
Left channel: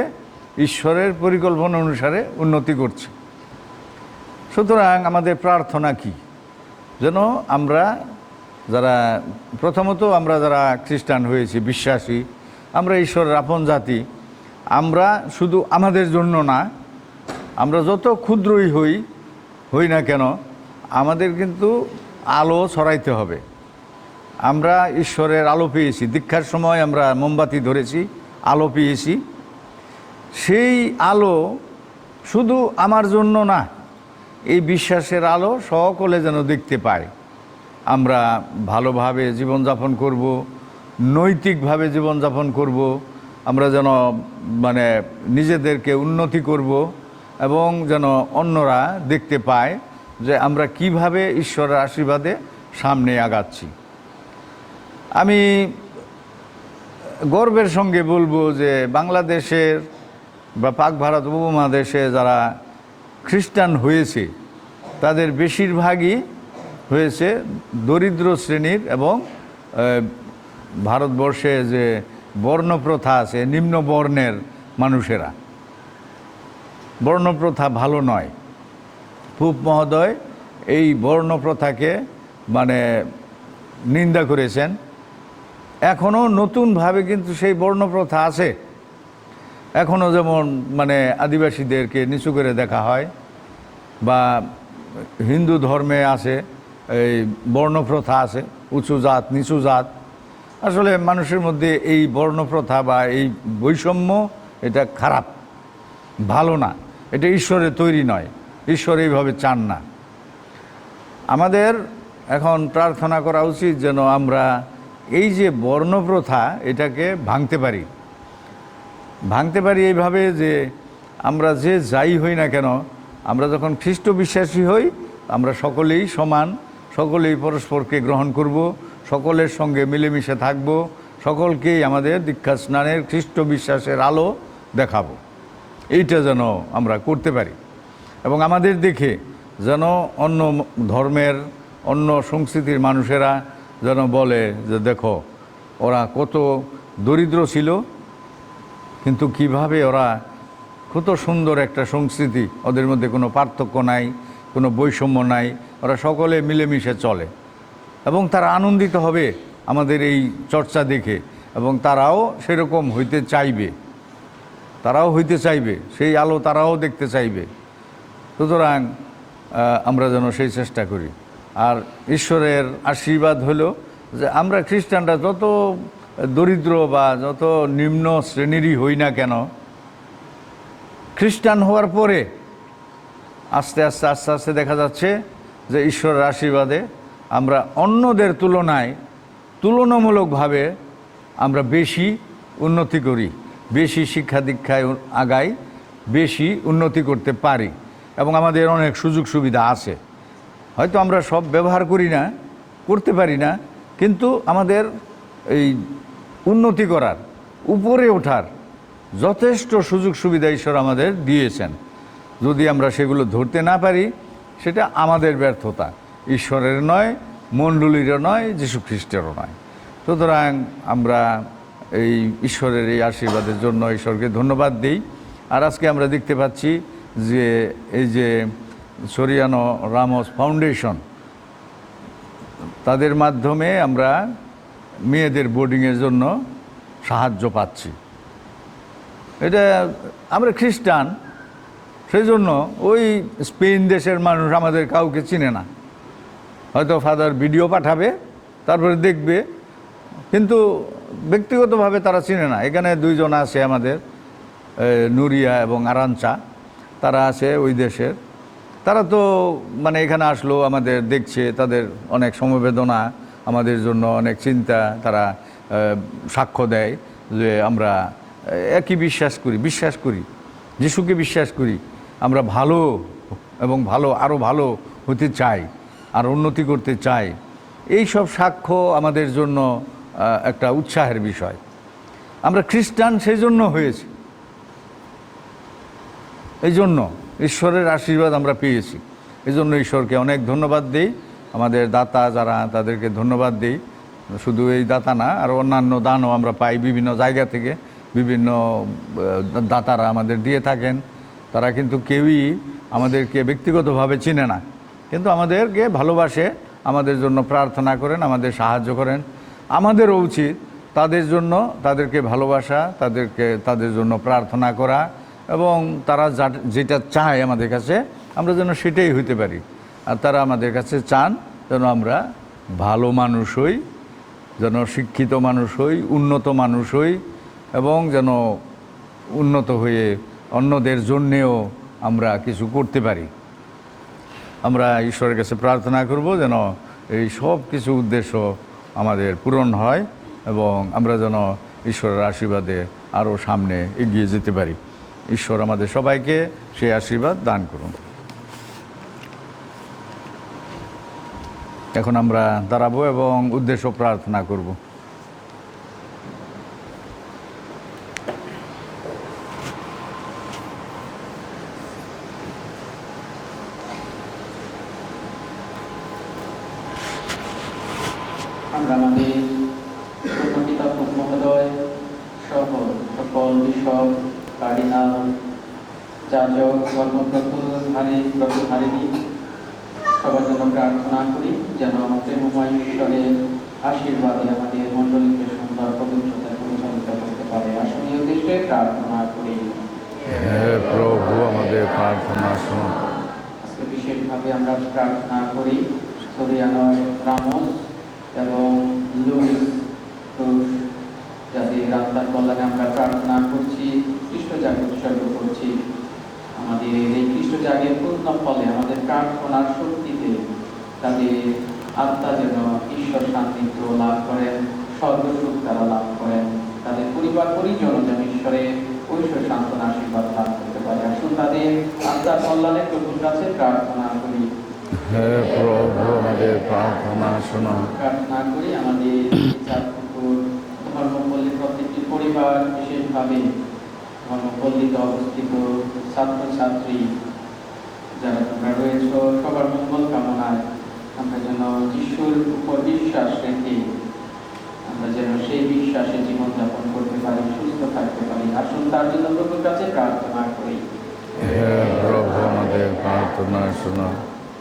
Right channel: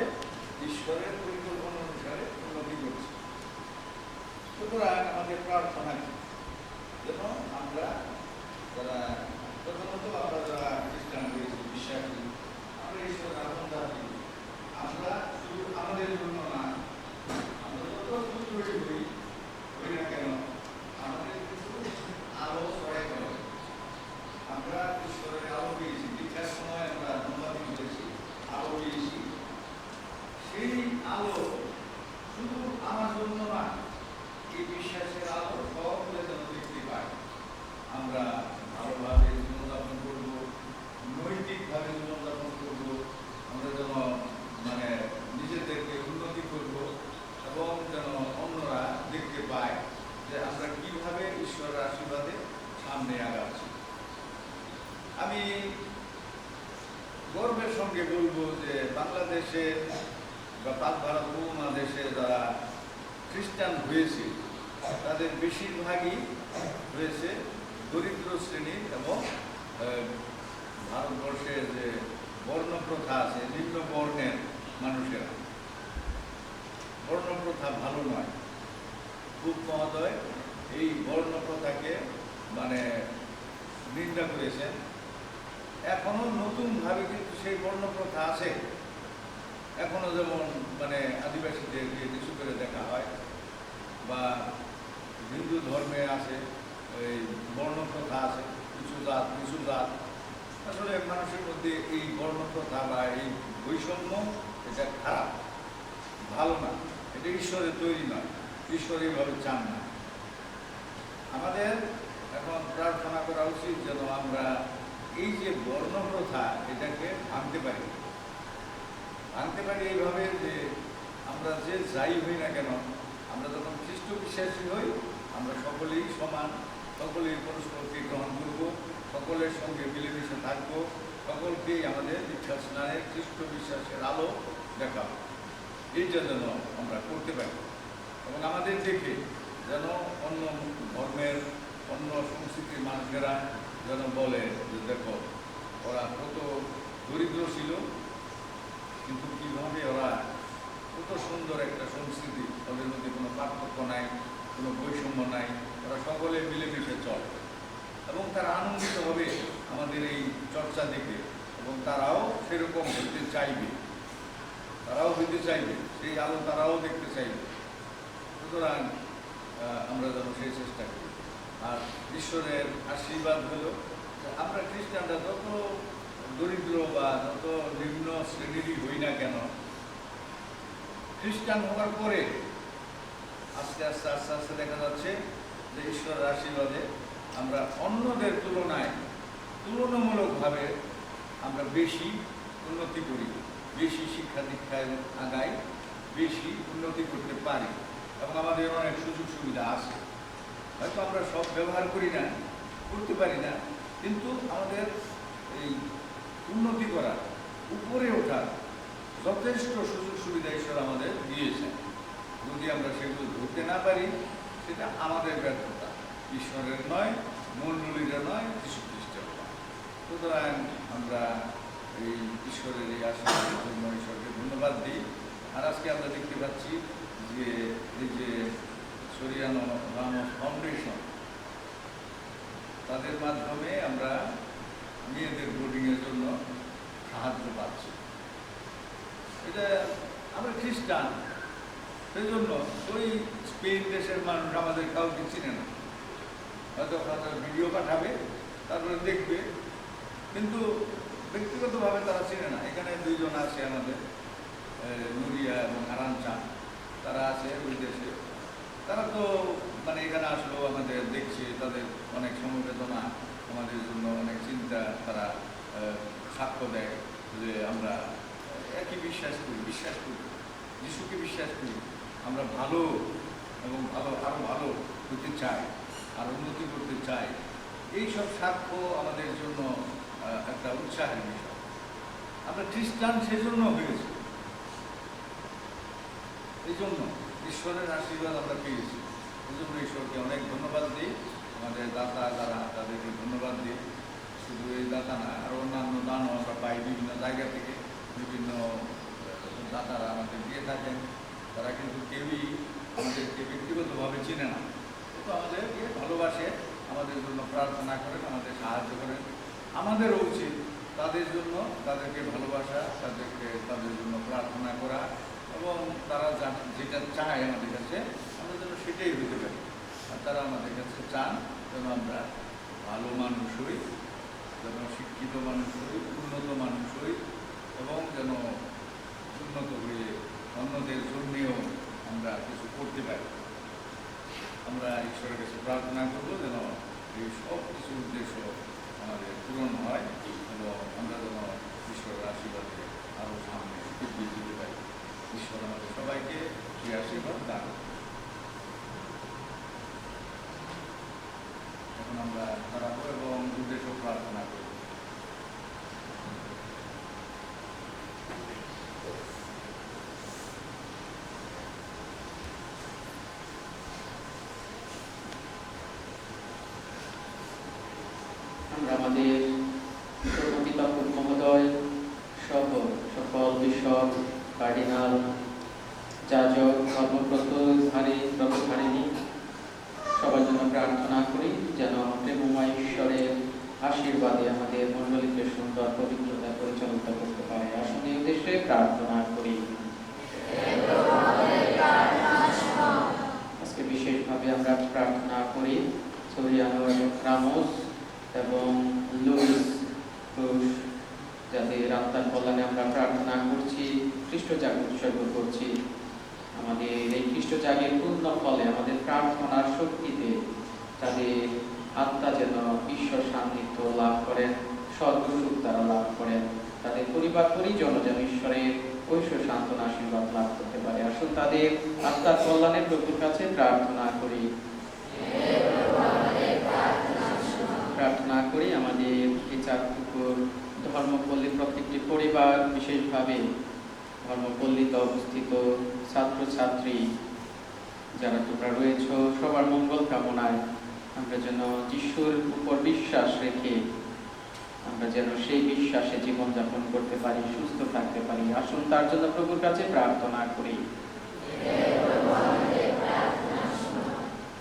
ঈশ্বরের পরিকল্পনা অনুসারে উন্নতি করছি। সুতরাং আমাদের প্রার্থনা কি? যেন আমরা যারা প্রথমত আমরা যারা খ্রিস্টান হয়েছি, বিশ্বাসী, আমরা ঈশ্বরের আপন জাতি, আমরা শুধু আমাদের জন্য না, আমরা যত ক্ষুদ্রই হই না কেন, আমাদের কিন্তু আলো ছড়াইতে হবে। আমরা ঈশ্বরের আলো পেয়েছি, দীক্ষার সময় আমরা মোমবাতি ধরেছি, আলো পেয়েছি। সেই আলো শুধু আমার জন্য না, এই বিশ্বাসের আলো সকলে যেন দেখতে পায়। আমরা ভালোভাবে জীবনযাপন করব, নৈতিকভাবে জীবনযাপন করব, আমরা যেন মানে নিজেদেরকে উন্নতি করব এবং যেন অন্যরা দেখতে পায় যে আমরা কিভাবে ঈশ্বরের আশীর্বাদে সামনে আগাচ্ছি। আমি গর্বের সঙ্গে বলবো যে বাংলাদেশের বা পাক ভারত উপমহাদেশে যারা খ্রিস্টান হয়েছে তাদের বেশিরভাগই হয়েছে দরিদ্র শ্রেণীর এবং ভারতবর্ষে যে বর্ণপ্রথা আছে, নিম্ন বর্ণের মানুষেরা। বর্ণপ্রথা ভালো নয়। পোপ মহোদয় এই বর্ণপ্রথাকে মানে নিন্দা করেছেন। এখনও নতুনভাবে কিন্তু সেই বর্ণপ্রথা আছে। এখনও যেমন মানে আদিবাসীদেরকে নিচু করে দেখা হয়, বা হিন্দু ধর্মে আছে এই বর্ণপ্রথা আছে, উঁচু জাত নিচু জাত। আসলে মানুষের মধ্যে এই বর্ণপ্রথা বা এই বৈষম্য এটা খারাপ, ভালো না, এটা ঈশ্বরের তৈরি নয়, ঈশ্বর এইভাবে চান না। আমাদের এখন প্রার্থনা করা উচিত যেন আমরা এই যে বর্ণপ্রথা এটাকে ভাঙতে পারি এইভাবে যে আমরা যে যাই হই না কেন, আমরা যখন খ্রিস্ট বিশ্বাসী হই আমরা সকলেই সমান, সকলেই পরস্পরকে গ্রহণ করব, সকলের সঙ্গে মিলেমিশে থাকব, সকলকেই আমাদের দীক্ষা স্নানের খ্রিস্ট বিশ্বাসের আলো দেখাবো। এইটা যেন আমরা করতে পারি এবং আমাদের দেখে যেন অন্য ধর্মের, অন্য সংস্কৃতির মানুষেরা যেন বলে যে দেখো ওরা কত দরিদ্র ছিল, কিন্তু কিভাবে ওরা কত সুন্দর একটা সংস্কৃতি, ওদের মধ্যে কোনো পার্থক্য নাই, কোনো বৈষম্য নাই, ওরা সকলে মিলেমিশে চলে এবং তারা আনন্দিত হবে আমাদের এই চর্চা দেখে এবং তারাও সেরকম হইতে চাইবে, সেই আলো তারাও দেখতে চাইবে। সুতরাং আমরা যেন সেই চেষ্টা করি। আর ঈশ্বরের আশীর্বাদ হলো যে আমরা খ্রিস্টানরা যত দরিদ্র বা যত নিম্ন শ্রেণীরই হই না কেন, খ্রিস্টান হওয়ার পরে আস্তে আস্তে দেখা যাচ্ছে যে ঈশ্বরের আশীর্বাদে আমরা অন্যদের তুলনামূলকভাবে আমরা বেশি উন্নতি করি, বেশি শিক্ষা দীক্ষায় আগাই, বেশি উন্নতি করতে পারি এবং আমাদের অনেক সুযোগ সুবিধা আছে। হয়তো আমরা সব ব্যবহার করতে পারি না, কিন্তু আমাদের এই উন্নতি করার, উপরে ওঠার যথেষ্ট সুযোগ সুবিধা ঈশ্বর আমাদের দিয়েছেন। যদি আমরা সেগুলো ধরতে না পারি সেটা আমাদের ব্যর্থতা, ঈশ্বরের নয়, মণ্ডলীরও নয়, যীশু খ্রিস্টেরও নয়। সুতরাং আমরা এই ঈশ্বরের এই আশীর্বাদের জন্য ঈশ্বরকে ধন্যবাদ দিই। আর আজকে আমরা দেখতে পাচ্ছি যে এই যে সরিয়ানো রামোস ফাউন্ডেশন, তাদের মাধ্যমে আমরা মেয়েদের বোর্ডিংয়ের জন্য সাহায্য পাচ্ছি। এটা আমরা খ্রিস্টান, সেই জন্য ওই স্পেন দেশের মানুষ আমাদের কাউকে চিনে না। হয়তো ফাদার ভিডিও পাঠাবে, তারপরে দেখবে, কিন্তু ব্যক্তিগতভাবে তারা চিনে না। এখানে দুইজন আছে আমাদের, নুরিয়া এবং আরাঞ্চা, তারা আছে ওই দেশের। তারা তো মানে এখানে আসলো, আমাদের দেখছে, তাদের অনেক সমবেদনা, আমাদের জন্য অনেক চিন্তা, তারা সাক্ষ্য দেয় যে আমরা একই বিশ্বাস করি, যিশুকে বিশ্বাস করি, আমরা ভালো এবং আরও ভালো হতে চাই, আর উন্নতি করতে চাই। এই সব সাক্ষ্য আমাদের জন্য একটা উৎসাহের বিষয়। আমরা খ্রিস্টান সেই জন্য হয়েছি, এই জন্য ঈশ্বরের আশীর্বাদ আমরা পেয়েছি। এই জন্য ঈশ্বরকে অনেক ধন্যবাদ দিই। আমাদের দাতা যারা, তাদেরকে ধন্যবাদ দিই। শুধু এই দাতা না, আর অন্যান্য দানও আমরা পাই বিভিন্ন জায়গা থেকে। বিভিন্ন দাতারা আমাদের দিয়ে থাকেন। তারা কিন্তু কেউই আমাদেরকে ব্যক্তিগতভাবে চিনে না, কিন্তু আমাদেরকে ভালোবাসে, আমাদের জন্য প্রার্থনা করেন, আমাদের সাহায্য করেন। আমাদেরও উচিত তাদের জন্য, তাদেরকে ভালোবাসা, তাদের জন্য প্রার্থনা করা, এবং তারা যেটা চায় আমাদের কাছে আমরা যেন সেটাই হইতে পারি। আর তারা আমাদের কাছে চান যেন আমরা ভালো মানুষ হই, যেন শিক্ষিত মানুষ হই, উন্নত মানুষ হই, এবং যেন উন্নত হয়ে অন্যদের জন্যেও আমরা কিছু করতে পারি। আমরা ঈশ্বরের কাছে প্রার্থনা করব যেন এই সব কিছু উদ্দেশ্য আমাদের পূরণ হয়, এবং আমরা যেন ঈশ্বরের আশীর্বাদে আরও সামনে এগিয়ে যেতে পারি। ঈশ্বর আমাদের সবাইকে সেই আশীর্বাদ দান করুন। এখন আমরা দাঁড়াবো এবং উদ্দেশ্য প্রার্থনা করব। আমরা আমাদের প্রকৃতাত্মক মহোদয় সহ সকল বিশপ, কার্ডিনাল, যাজক, ধর্মপ্রধারিণী সবার জন্য প্রার্থনা করি যেন প্রেমময় ঈশ্বরের আশীর্বাদে আমাদের মণ্ডলীকে সুন্দর পবিত্রতা পরিচালিত করতে পারে। আসলে এই উদ্দেশ্যে প্রার্থনা করি। হে প্রভু, আমাদের প্রার্থনা শুনুন। আজকে বিশেষভাবে আমরা প্রার্থনা করি সরিয়ানো রামোস এবং লুইস ক্রুজ, যাদের আত্মার কল্যাণে আমরা প্রার্থনা করছি, খ্রিস্টজাগ উৎসর্গ করছি। আমাদের এই খ্রিস্টজাগের পূর্ণ ফলে আমাদের প্রার্থনার শক্তিতে তাদের আত্মা যেন ঈশ্বর সান্নিধ্য লাভ করেন, স্বর্গসুখ তারা লাভ করেন, তাদের পরিবার পরিজন যেন ঈশ্বরের ঐশ্বর সান্ত্বনা আশীর্বাদ লাভ করতে পারে। আসুন তাদের আত্মার কল্যাণে প্রভুর কাছে প্রার্থনা করি। হে প্রভু, আমাদের প্রার্থনা শুনুন। প্রার্থনা করি আমাদের চাঁদপুকুর ধর্মপল্লী প্রত্যেকটি পরিবার, বিশেষভাবে ধর্মপল্লীতে অবস্থিত ছাত্রছাত্রী যারা তোমরা রয়েছ, সবার মঙ্গল কামনায় আমরা যেন যিশুর উপর বিশ্বাস রেখে আমরা যেন সেই বিশ্বাসে জীবনযাপন করতে পারি, সুস্থ থাকতে পারি। আসুন তার জন্য প্রভুর কাছে প্রার্থনা করি। হে প্রভু, আমাদের প্রার্থনা শুনুন।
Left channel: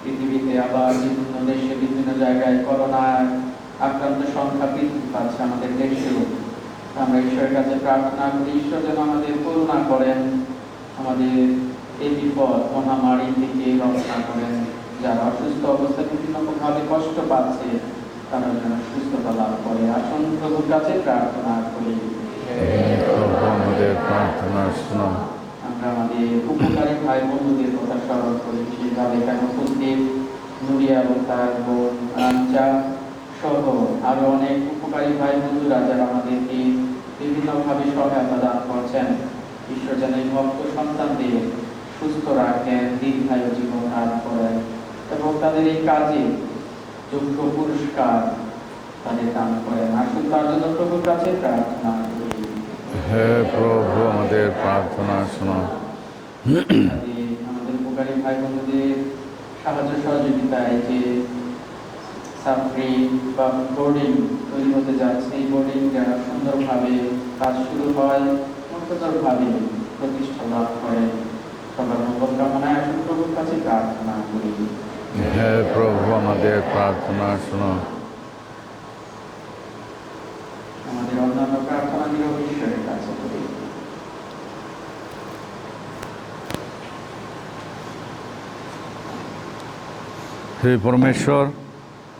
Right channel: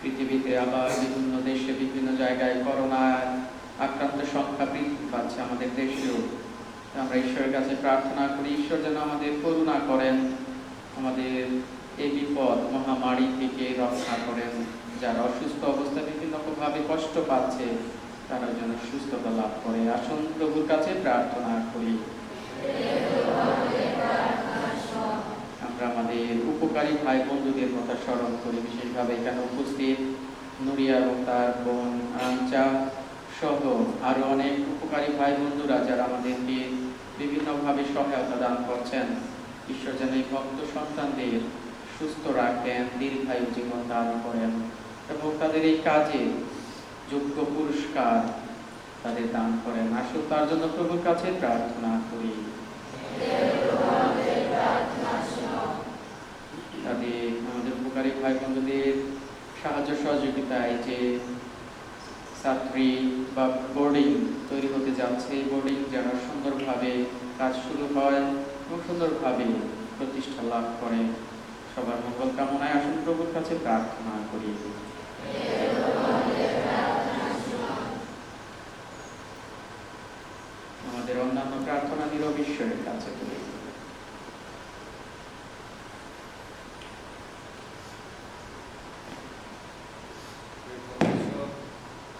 পৃথিবীতে আবার বিভিন্ন দেশে বিভিন্ন জায়গায় করোনার আক্রান্ত সংখ্যা বৃদ্ধি পাচ্ছে, আমাদের দেশেও। আমরা ঈশ্বরের কাছে প্রার্থনা করি ঈশ্বর যেন আমাদের করুণা করেন, আমাদের এই বিপদ মহামারী থেকে রক্ষা করেন। যারা অসুস্থ অবস্থায় বিভিন্নভাবে কষ্ট পাচ্ছে তারা যেন সুস্থতা লাভ করে। আসুন প্রভুর কাছে প্রার্থনা করি। আমাদের প্রার্থনা শুনুন। আমরা আমাদের উপকারী ভাই বন্ধুদের কথা স্মরণ করি, বিশেষভাবে এখানে উপস্থিত নুরিয়া এবং তার বোন আঞ্চা সহ আরো অনেক উপকারী ভাই বন্ধুরা যারা আমাদেরকে বিভিন্নভাবে সহায়তা দান করছেন। ঈশ্বর যেন এই ভক্ত সন্তানদের সুস্থ রাখেন, দীর্ঘায়ু জীবন দান করেন, এবং তাদের এই কাজে যোগ্য পুরস্কার তাদের দান করেন। আসুন তার জন্য প্রভুর কাছে প্রার্থনা করি। হে প্রভু, আমাদের প্রার্থনা শুনুন। আমাদের উপকারী ভাই বন্ধুদের সাহায্য সহযোগিতায় যে ছাত্রী বা বোর্ডিং তৈরি হতে যাচ্ছে, এই বোর্ডিং যেন সুন্দরভাবে কাজ শুরু হয়, সুন্দরভাবে প্রতিষ্ঠা লাভ করে। সবার মঙ্গল কামনায় আসুন প্রভুর কাছে প্রার্থনা করি। হে প্রভু, আমাদের প্রার্থনা শুনুন। আমাদের অন্যান্য প্রার্থনা নীরব ঈশ্বরের কাছে করি। হে পরমেশ্বর,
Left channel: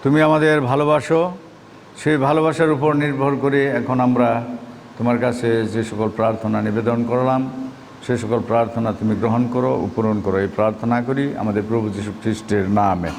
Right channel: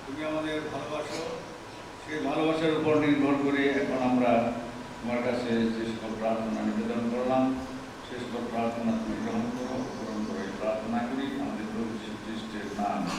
তুমি আমাদের ভালোবাসো, সেই ভালোবাসার উপর নির্ভর করে এখন আমরা তোমার কাছে যে সকল প্রার্থনা নিবেদন করলাম, সে সকল প্রার্থনা তুমি গ্রহণ করো, পূরণ করো, এই প্রার্থনা করি আমাদের প্রভু যীশু খ্রিস্টের নামে।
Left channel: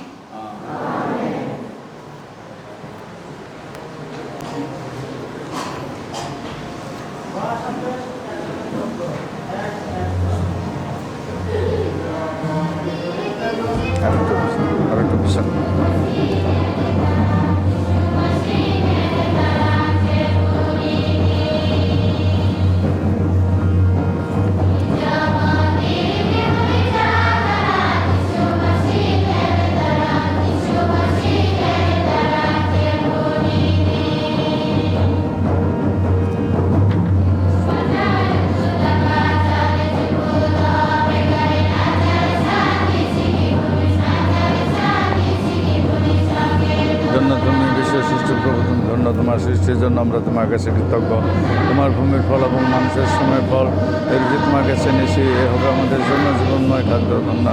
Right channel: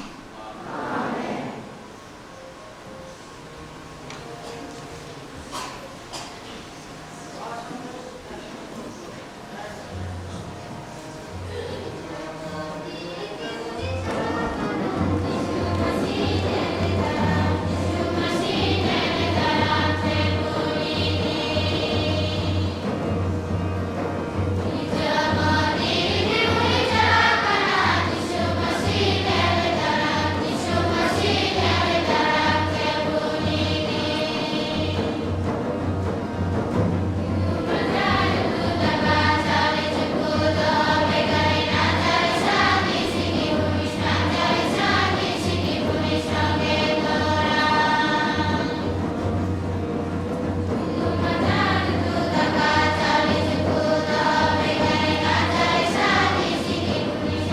আমরা তোমার কাছে কৃতজ্ঞ। তোমার ভূমির ফল এবং মানুষের শ্রমের ফল এর যে তোমার কাছে নিয়েছি, এ হবে আমাদের জন্য জীবনময় খাদ্য কন্যা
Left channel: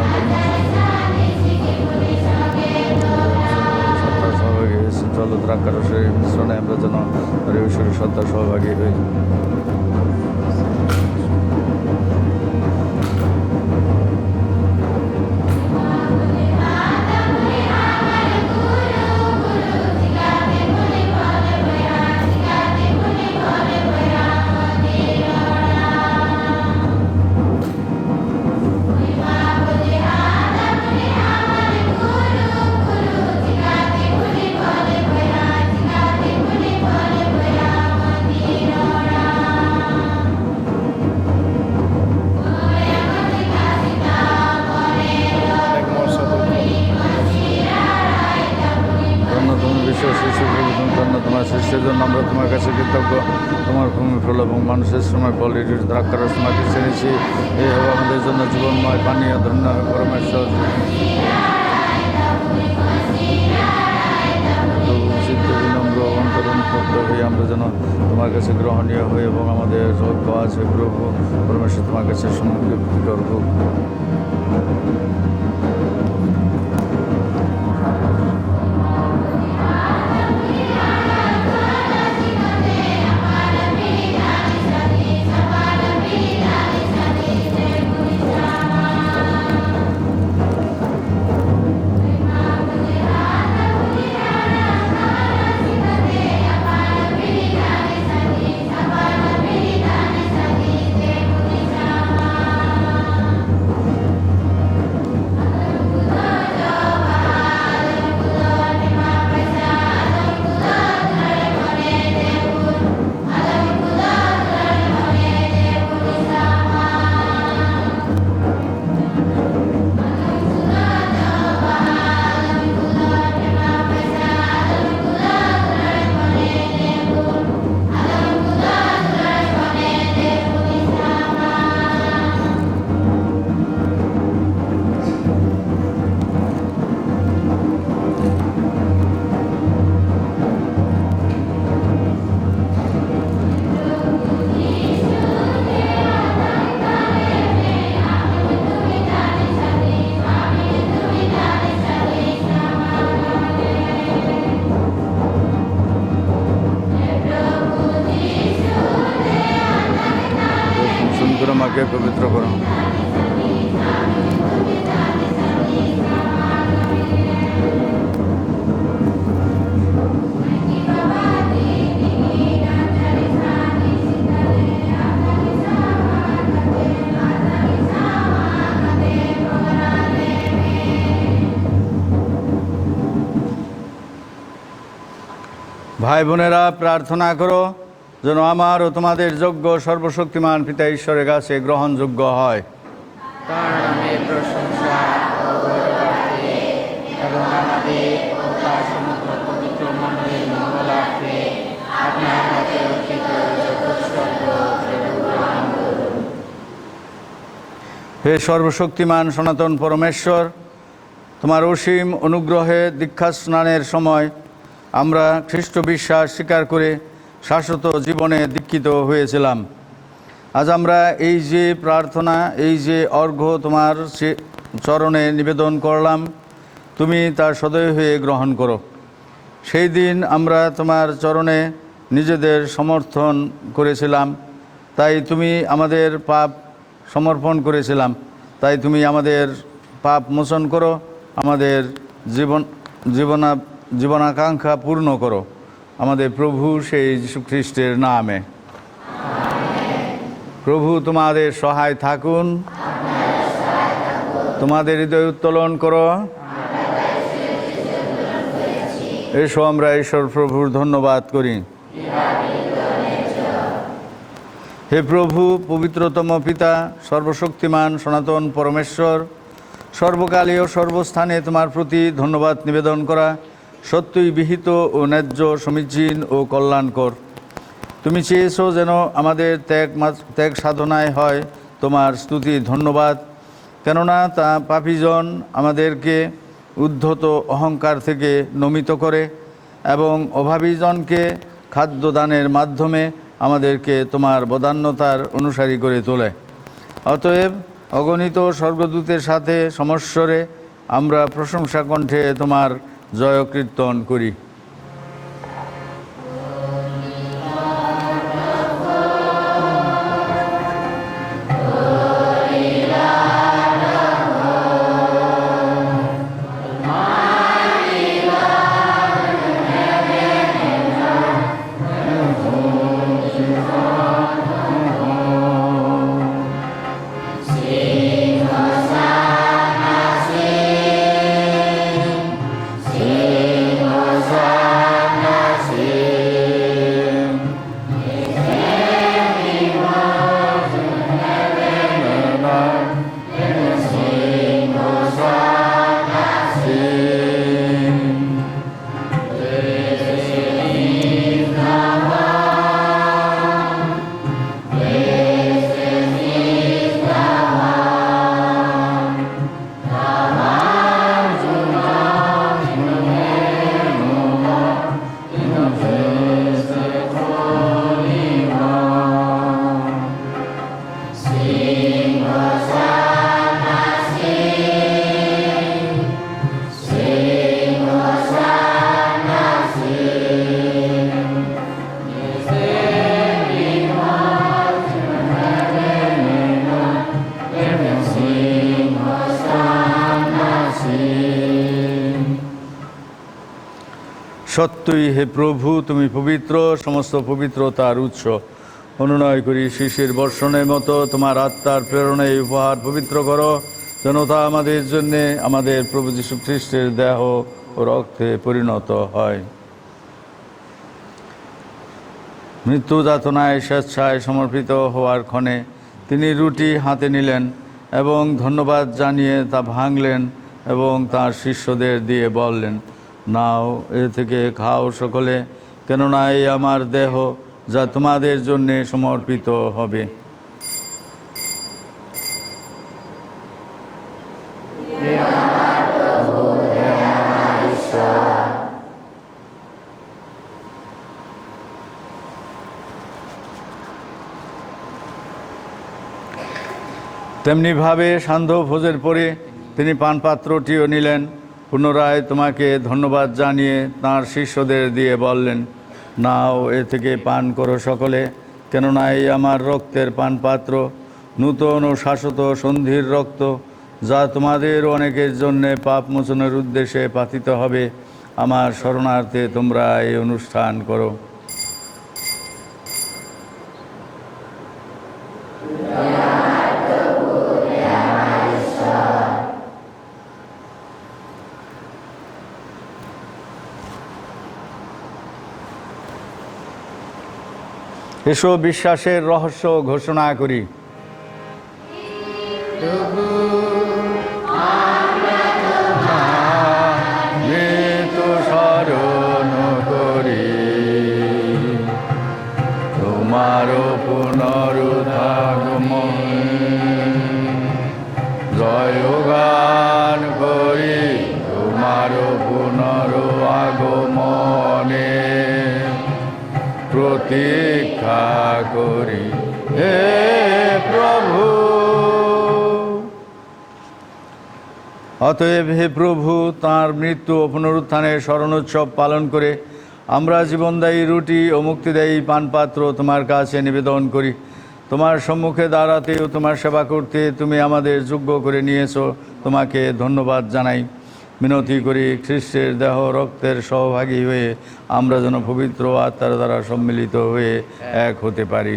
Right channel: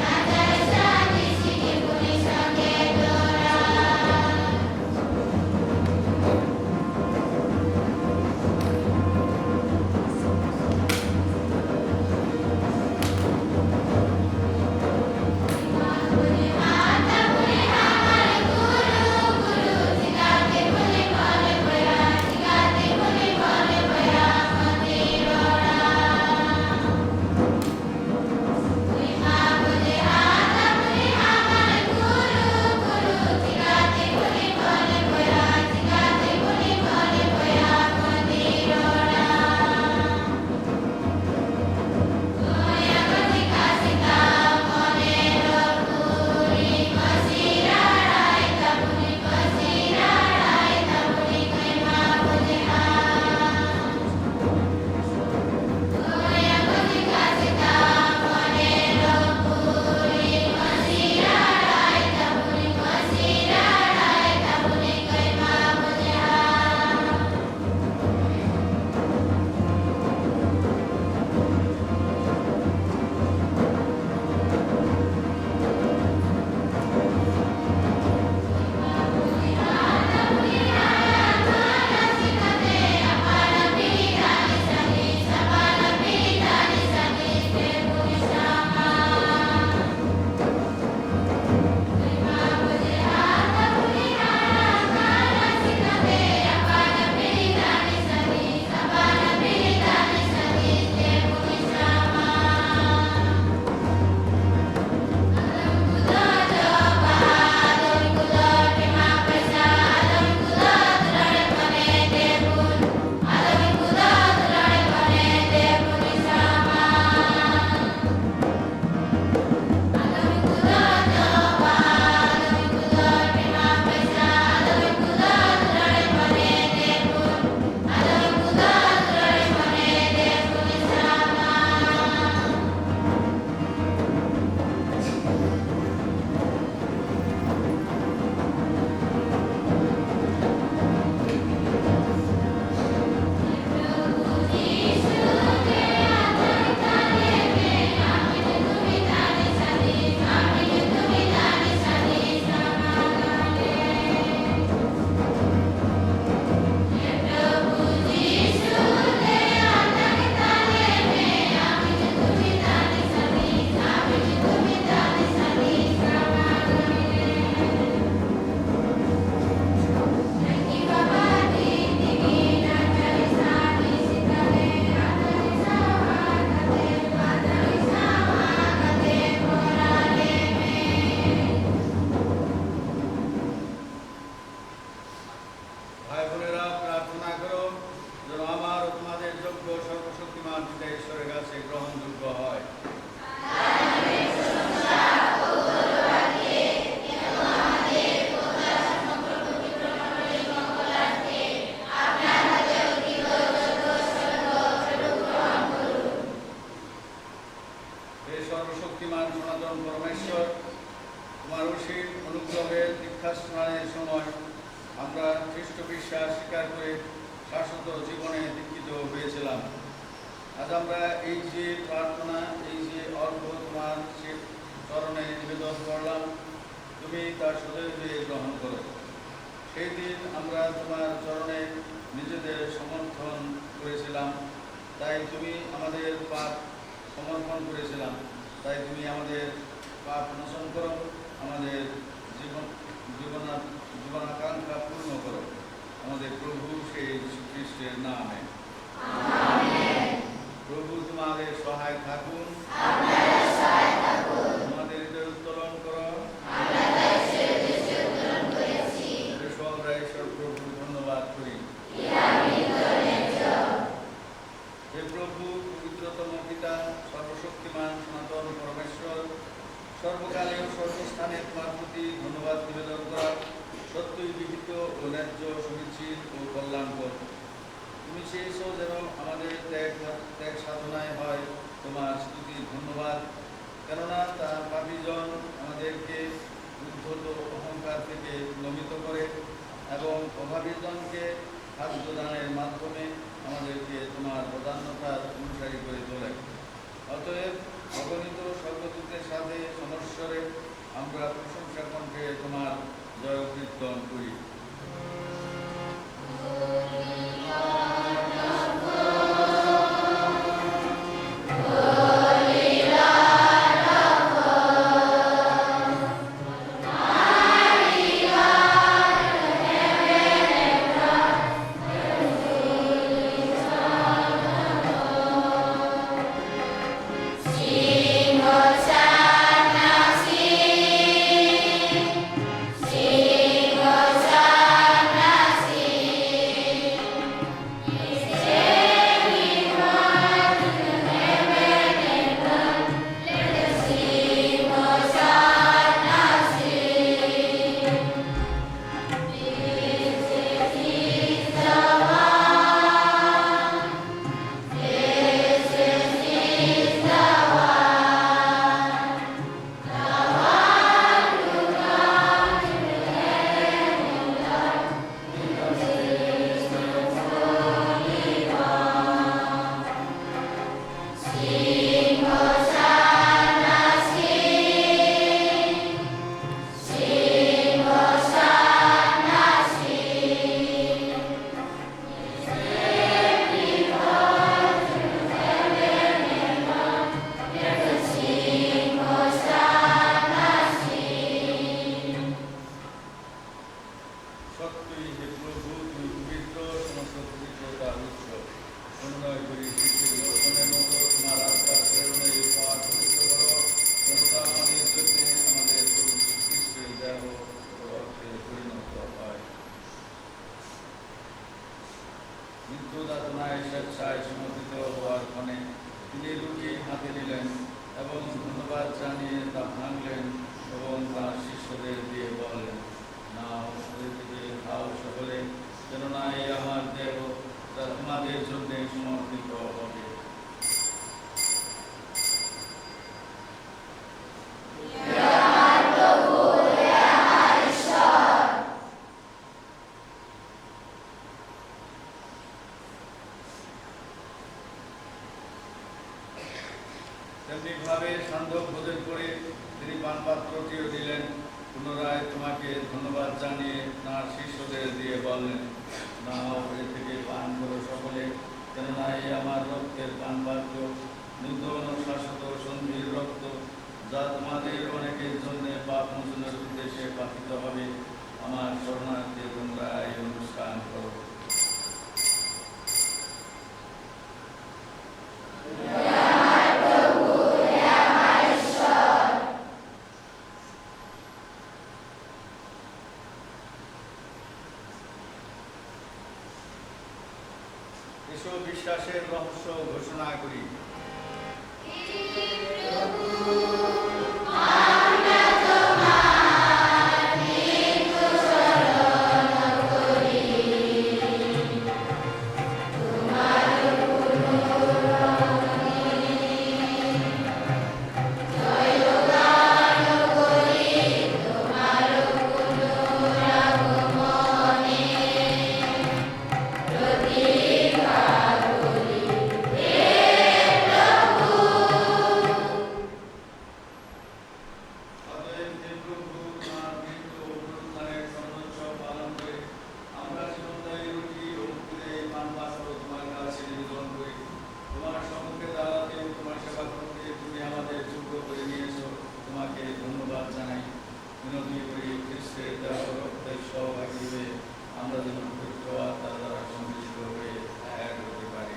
জল দ্রাক্ষারসের মিশ্রণে আমরা যেন ঈশ্বরের সত্তা সহভাগী হই। জন্য আমরা তোমার কাছে কৃতজ্ঞ। তোমার ভূমির ফল এবং মানুষের সময় ফল দ্রাক্ষারস মাকে চিনেছি, এ হবে আমাদের জন্য জীবনময় পানীয় ধন্য পরমেশ্বর। বিনম্র অন্তরণ ভক্ত হয়ে আমরা যেন তোমার কাছে গ্রহণীয় হই এবং আমাদের যোগ্য আছে প্রভু পরমেশ্বর তোমার কাছে সমর্পিত করব। পবিত্র করুন। ভাই বোনেরা, প্রার্থনা করো যেন আমার ও তোমাদের যোগ্য সর্বশক্তিমান পিতা ঈশ্বরের কাছে গ্রহণযোগ্য হয়। হে সর্বশক্তিমান সনাতন পরমেশ্বর, তোমার অসীম অনুগ্রহে দীক্ষা স্নানের সময় আমরা খ্রিস্ট বিশ্বাস স্বীকার করে শাশ্বত জীবনে দীক্ষিত হয়েছিলাম। আজ আমরা এই যে প্রার্থনা, এই যে অর্ঘ্য তোমার চরণে নিবেদন করলাম, তুমি তা সদয় হয়ে গ্রহণ করো। সেই দিন আমরা তোমার চরণে নিজেদের সমর্থন করেছিলাম, তাই তুমি আমাদের পাপ সমর্পণ করেছিলাম, তাই তুমি আমাদের পাপ মোচন করো, আমাদের জীবনাকাঙ্ক্ষা পূর্ণ করো, আমাদের প্রভু সেই যীশু খ্রিস্টের নামে। প্রভু তোমাদের সহায় থাকুন, তোমাদের হৃদয় উত্তোলন করো। এসো আমরা ঈশ্বর প্রভুর ধন্যবাদ করি। হে প্রভু, পবিত্রতম পিতা, সর্বশক্তিমান সনাতন পরমেশ্বর, সর্বকালীয় সর্বস্থানে তোমার প্রতি ধন্যবাদ নিবেদন করা সত্যই বিহিত ও ন্যায্য, সমীচীন ও কল্যাণকর। তুমি চেয়েছো যেন আমাদের ত্যাগ সাধনায় হয় তোমার স্তুতি ধন্যবাদ, কেননা তা পাপীজন আমাদেরকে উদ্ধত অহংকার থেকে নমিত করে এবং অভাবীজনকে খাদ্যদানের মাধ্যমে আমাদেরকে তোমার বদান্যতার অনুসারী করে তোলে। অতএব অগণিত স্বর্গদূতের সাথে সমস্বরে আমরা প্রশংসা কণ্ঠে তোমার জয় কীর্তন করি। সত্যই হে প্রভু, তুমি পবিত্র, সমস্ত পবিত্রতার উৎস। অনুনয় করি শিশির বর্ষণের মতো তোমার আত্মার প্রেরণায় উপহার পবিত্র করো, যেন তা আমাদের জন্যে আমাদের প্রভু যীশু খ্রিস্টের দেহ ও রক্তে পরিণত হয়। মৃত্যু যাতনায় স্বেচ্ছায় সমর্পিত হওয়ার ক্ষণে তিনি রুটি হাতে নিলেন এবং ধন্যবাদ জানিয়ে তা ভাঙলেন এবং তাঁর শিষ্যদের দিয়ে বললেন, নাও, এ থেকে খাও সকলে, কেননা এই আমার দেহ যা তোমাদের জন্যে সমর্পিত হবে। তেমনিভাবে সান্ধ্য ভোজের পরে তিনি পানপাত্রটিও নিলেন, পুনরায় তোমাকে ধন্যবাদ জানিয়ে তাঁর শিষ্যদের দিয়ে বললেন, নাও, এ থেকে পান করো সকলে, কেননা এই আমার রক্তের পানপাত্র, নূতন ও শাশ্বত সন্ধির রক্ত, যা তোমাদের অনেকের জন্যে পাপ মোচনের উদ্দেশ্যে পাতিত হবে। আমার শরণার্থে তোমরা এই অনুষ্ঠান করো। এসো বিশ্বাসের রহস্য ঘোষণা করি। স্মরণ করি তোমার পুনরুদ্ধাগমন, জয়গান করি তোমার পুনরুগমনে, প্রতীক্ষা করি হে প্রভু। অতএব হে প্রভু, তাঁর মৃত্যু ও পুনরুত্থানের স্মরণোৎসব পালন করে আমরা জীবনদায়ী রুটি ও মুক্তিদায়ী পানপাত্র তোমার কাছে নিবেদন করি। তোমার সম্মুখে দাঁড়াতে ও তোমার সেবা করতে তুমি আমাদের যোগ্য করে নিয়েছো, তোমাকে ধন্যবাদ জানাই। মিনতি করি খ্রিস্টের দেহ রক্তের সহভাগী হয়ে আমরা যেন পবিত্র আত্মার দ্বারা সম্মিলিত হয়ে এক হতে পারি।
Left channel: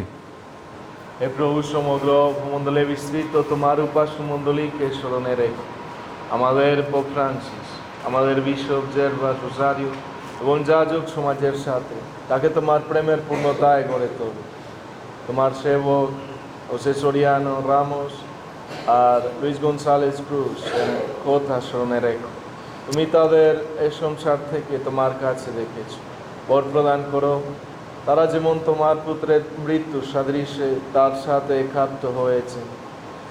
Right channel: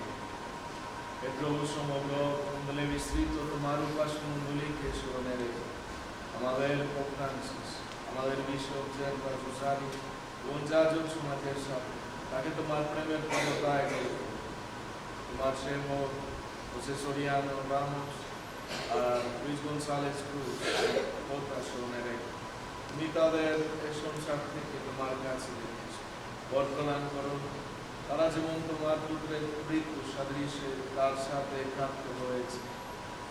হে প্রভু, সমগ্র ভূমণ্ডলে বিস্তৃত তোমার উপাস্য মণ্ডলীকে স্মরণে রেখো। আমাদের পোপ ফ্রান্সিস, আমাদের বিশপ জেরভাস রোসারিও এবং যাজক সমাজের সাথে তাকে তোমার প্রেমের পূর্ণতায় গড়ে তোলো। তোমার সেবক হোসে সরিয়ানো রামোস আর লুইস গনসালেস ক্রুজ কথা স্মরণে রেখো। তুমি তাদের এই সংসার থেকে তোমার কাছে রেখেছ। বর প্রদান করো, তারা যেমন তোমার পুত্রের মৃত্যু সাদৃশ্যে তার সাথে একাত্ম হয়েছে,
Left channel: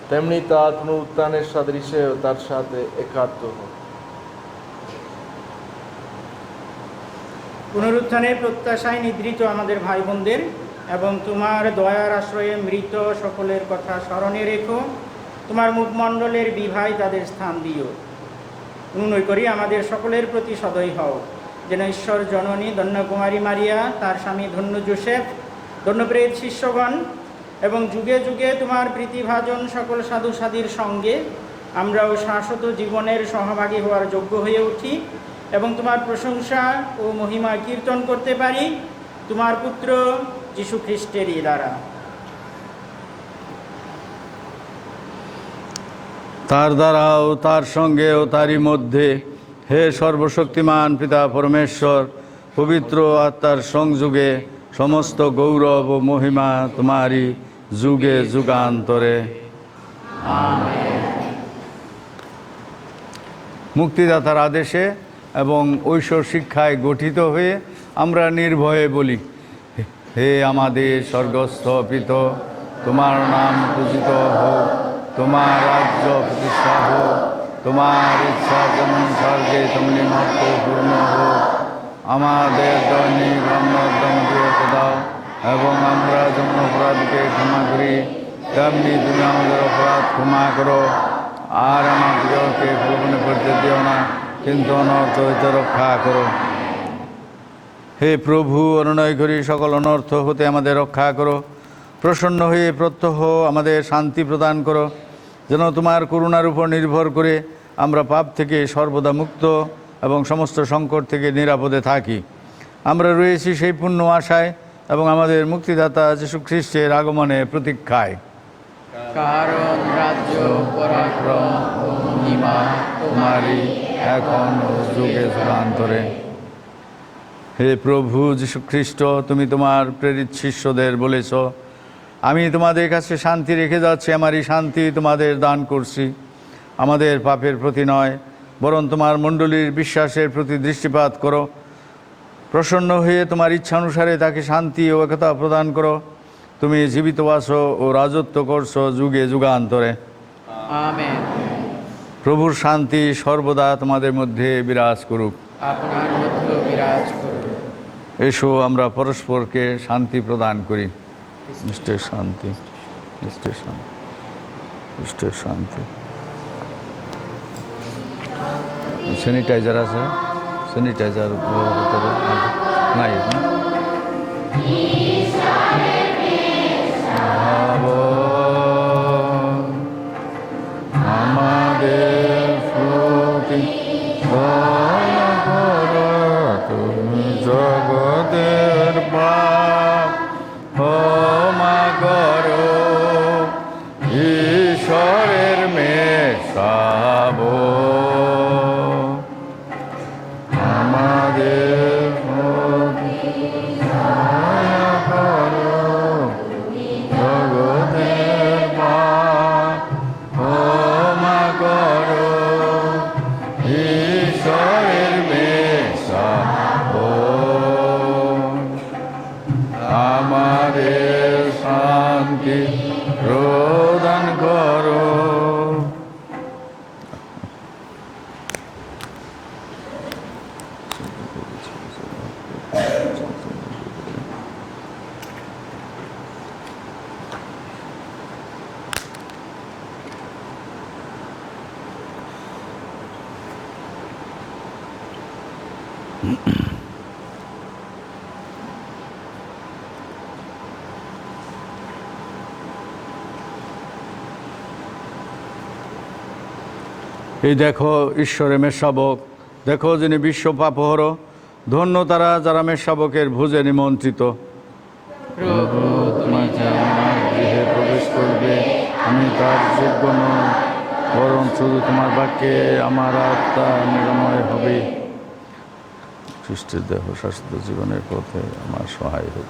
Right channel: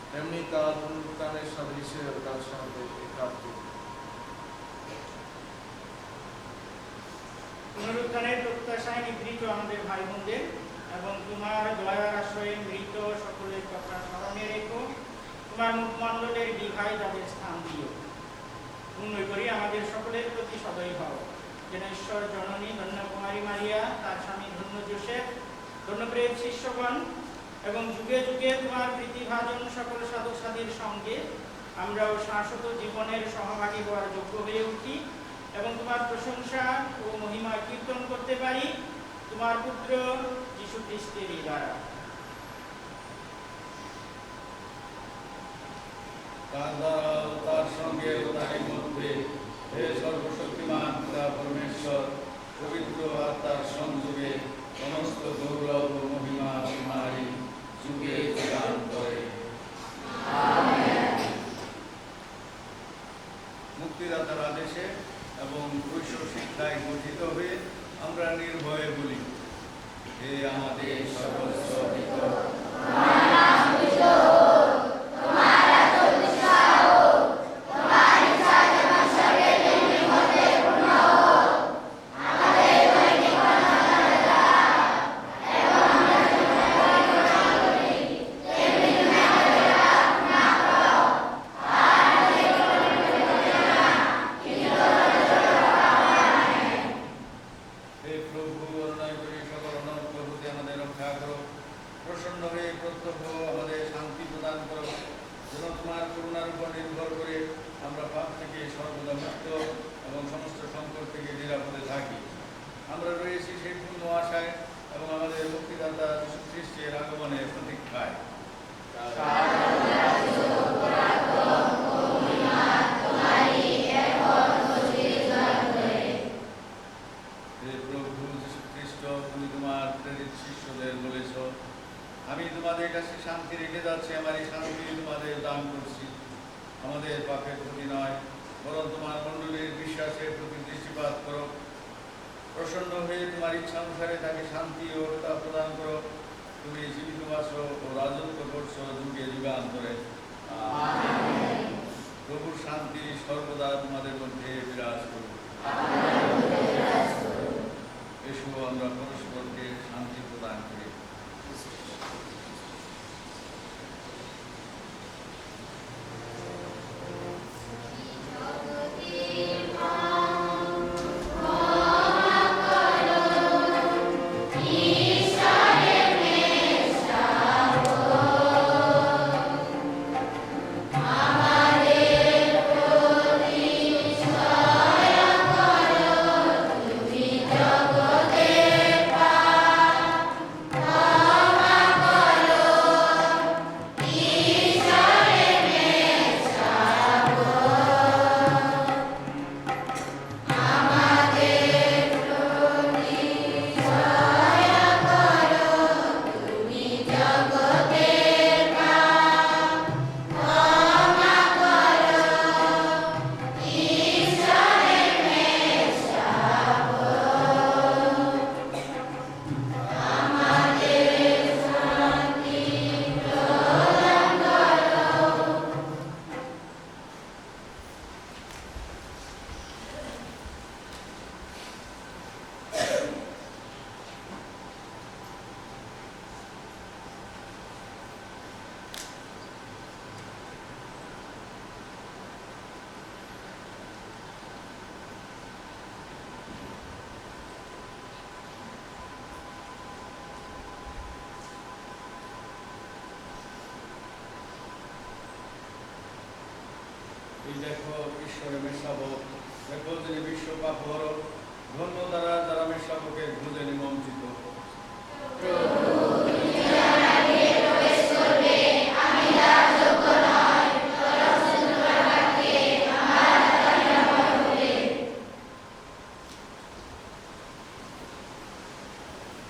তেমনি তার পুনরুত্থানের সাদৃশ্যেও তার সাথে একাত্ম হোক। পুনরুত্থানের প্রত্যাশায় নিদ্রিত আমাদের ভাই বোনদের এবং তোমার দয়ার আশ্রয়ে মৃত সকলের কথা স্মরণে রেখো। তোমার মুখমণ্ডলের বিভায় তাদের স্থান দিও। অনুনয় করি আমাদের সকলের প্রতি সদয় হও, যেন ঈশ্বর জননী ধন্যকুমারী মারিয়া, তার স্বামী ধন্য জোসেফ, ধন্যপ্রেত শিষ্যগণ এবং যুগে যুগে তোমার প্রীতিভাজন সকল সাধু সাধীর সঙ্গে আমরাও শাশ্বত জীবনের সহভাগী হওয়ার যোগ্য হয়ে উঠি এবং তোমার প্রশংসা ও মহিমা কীর্তন করতে পারি তোমার পুত্র যীশু খ্রিস্টেরই দ্বারা। তার দ্বারাও তার সঙ্গে ও তারই মধ্যে হে সর্বশক্তিমান পিতা পরমেশ্বর, পবিত্র আত্মার সংযোগে সমস্ত গৌরব ও মহিমা তোমারই যুগে যুগান্তরে। মুক্তিদাতার আদেশে এবং ঐশ্বর শিক্ষায় গঠিত হয়ে আমরা নির্ভয়ে বলি, হে আমাদের স্বর্গস্থ পিত, তোমার নাম পূজিত হোক, তোমার রাজ্য প্রতিষ্ঠা হোক, তোমার ইচ্ছা যেমন স্বর্গে তেমনি মাত্র পূর্ণ হোক। আমাদের দৈনিক অন্নদান দিয়ে দাও, এবং আমরা যেমন অপরাধকে ক্ষমা করি তেমনি তুমি আমাদের অপরাধ ক্ষমা করো। আর আমাদেরকে প্রলোভনে পড়তে দিও না, কিন্তু অনর্থ হতে রক্ষা করো। হে প্রভু, অনুনয় করি সকল অনর্থ হতে আমাদের রক্ষা করো। প্রসন্ন হয়ে প্রত্যহ আমাদের শান্তি প্রদান করো, যেন তোমার করুণার উপর নির্ভর করে আমরা পাপ থেকে সর্বদা মুক্ত এবং সমস্ত সংকট থেকে নিরাপদে থাকি। আমরা রয়েছি সেই পূর্ণ আশায় এবং আমাদের মুক্তিদাতা যীশু খ্রিস্টের আগমনে প্রতীক্ষায়। কারণ রাজ্য, পরাক্রম ও মহিমা তোমারই এখন যুগে যুগান্তরে। হে প্রভু যীশু খ্রিস্ট, তুমি তোমার প্রেরিত শিষ্যদের বলেছ, আমি তোমাদের কাছে শান্তি রেখে যাচ্ছি, আমারই শান্তি তোমাদের দান করছি। আমাদের পাপের প্রতি নয়, বরং তোমার মণ্ডলীর বিশ্বাসের প্রতি দৃষ্টিপাত করো। প্রসন্ন হয়ে তোমার ইচ্ছা অনুসারে তাকে শান্তি ও একতা প্রদান করো। তুমি জীবিত আছো ও রাজত্ব করছো যুগে যুগান্তরে। আমেন। প্রভুর শান্তি সর্বদা তোমাদের মধ্যে বিরাজ করুক। আপনার মধ্যে বিরাজ করুন। এসো আমরা পরস্পরকে শান্তি প্রদান করি। নিশ্চয় শান্তি, নিশ্চয় শান্তি, নিশ্চয় শান্তি। স্যানিটাইজার আছে? স্যানিটাইজার নাই না? এই দেখো ঈশ্বরের মেষশাবক, দেখো যিনি বিশ্ব পাপহর। ধন্য তারা যারা মেষশাবকের ভোজে নিমন্ত্রিত। গৃহে প্রবেশ করবে, আমি তার যোগ্য নই, বরঞ্চ তোমার বাক্যে আমার আত্মা নিরাময় হবে। খ্রিস্টের দেহ স্বাস্থ্য জীবনের পথে আমার সহায় হোক।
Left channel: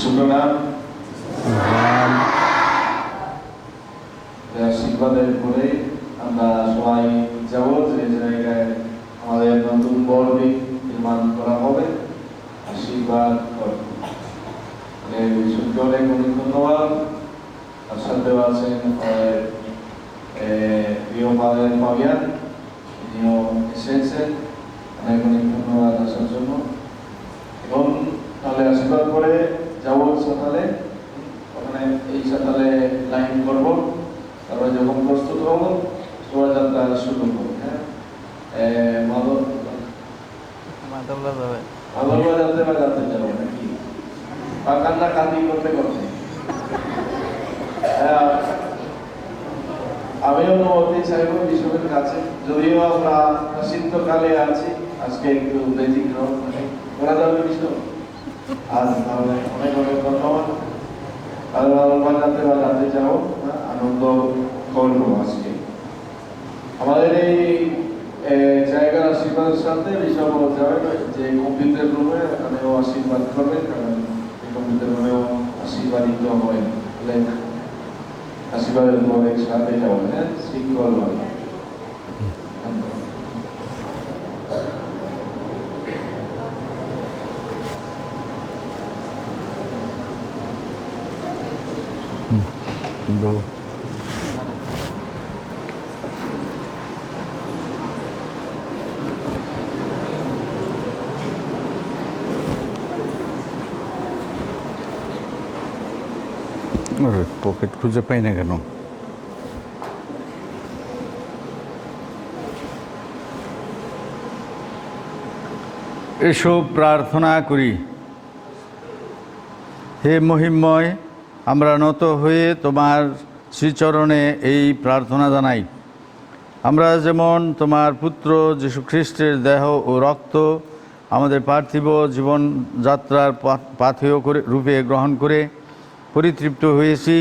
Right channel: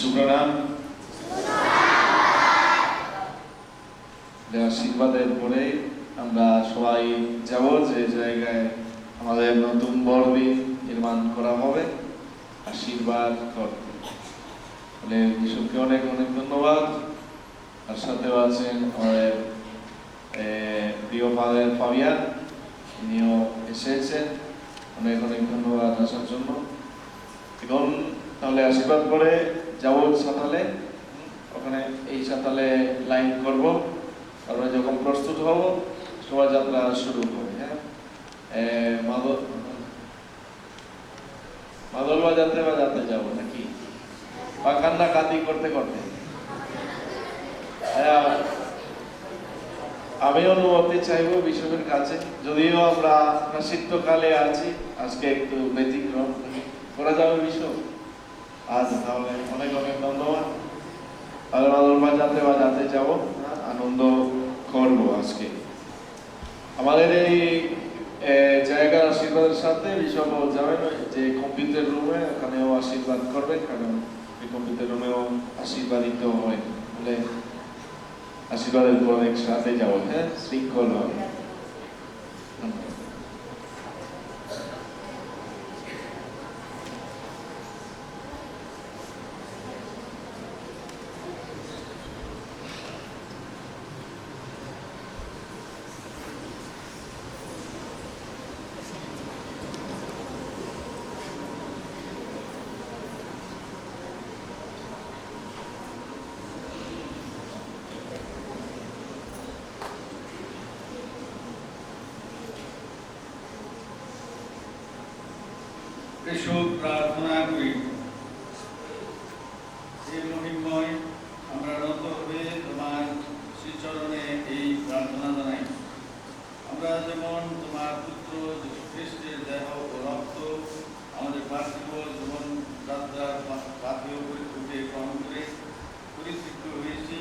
সুপ্রণাম। আশীর্বাদের পরে আমরা সবাই যাব যে জায়গায় আমাদের নতুন বর্বে নির্মাণ করা হবে, আশীর্বাদ করব। বিশ্বকে অনেক অনেক ধন্যবাদ। তার সাথেও আছেন আমাদের প্রিয় মালের ফাবিয়ান, তিনিও এসেছেন। অনেক অনেক ধন্যবাদ আসার জন্য। এবং তাহলে আশীর্বাদ করে যাবো সকালে, ওখানে এই সকালে লাইন করব। আমরা যখন প্রস্তুত হব শোভাযাত্রা শুরু হবে। হ্যাঁ, মাদল বাজাতে বাজাতে যাবো নাকি বাগানটা কাঁদি করতে করতে? আমি অনুমতি চাইবো বিশ্বকের কাছে, যদিও আমরা শীতকালে আছি, আজকে একটু ব্যতিক্রম করা যাবে বিশ্ব। আজ তাহলে অনেক অনেক ধন্যবাদ। তাহলে বাজাতে বাজাতে যাবো, আনন্দ করবো আজকে। আমাদের এই জায়গার আশীর্বাদের সাথে বিষয় যাবে যে কম্পিউটার রুমে, ওখানেও আশীর্বাদ করবেন, কারণ এই কম্পিউটার রুমেও আশীর্বাদিত হয়। বলে আশীর্বাদের তো অনেক সাথে যাবো। হ্যাঁ, শৃঙ্খল ভাবে। পকেট খুঁজে পাই না কেন? এসো প্রার্থনা করি। হে মহিমময়, আমরা নত হয়ে তোমার শ্রীচরণে এই প্রার্থনা জানাই। আমরা যেমন তোমার পুত্র যীশু খ্রিস্টের দেহ ও রক্ত আমাদের পার্থিব জীবনযাত্রার পাথেয় করে রূপে গ্রহণ করে পরিতৃপ্ত হয়েছি,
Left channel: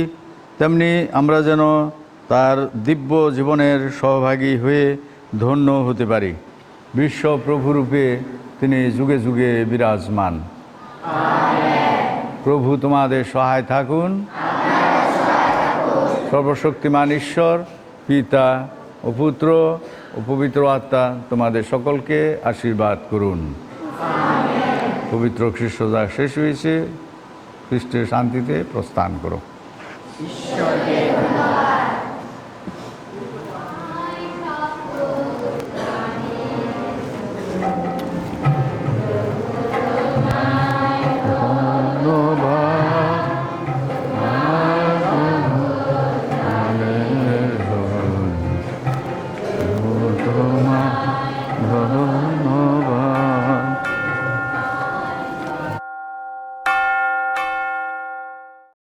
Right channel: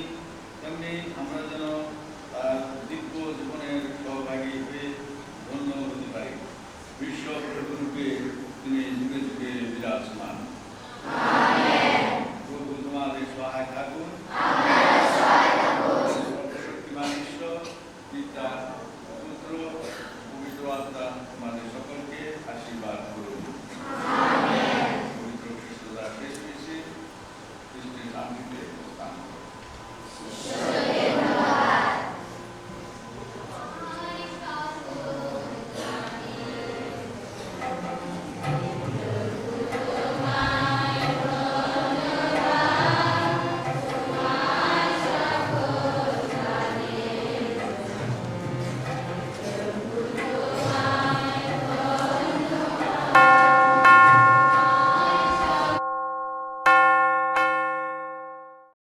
তেমনি আমরা যেন তার দিব্য জীবনের সহভাগী হয়ে ধন্য হতে পারি। বিশ্ব প্রভুরূপে তিনি যুগে যুগে বিরাজমান। প্রভু তোমাদের সহায় থাকুন। সর্বশক্তিমান ঈশ্বর, পিতা ও পুত্র ও পবিত্র আত্মা তোমাদের সকলকে আশীর্বাদ করুন। পবিত্র খ্রিস্ট যা শেষ হয়েছে, খ্রিস্টের শান্তিতে প্রস্থান করো।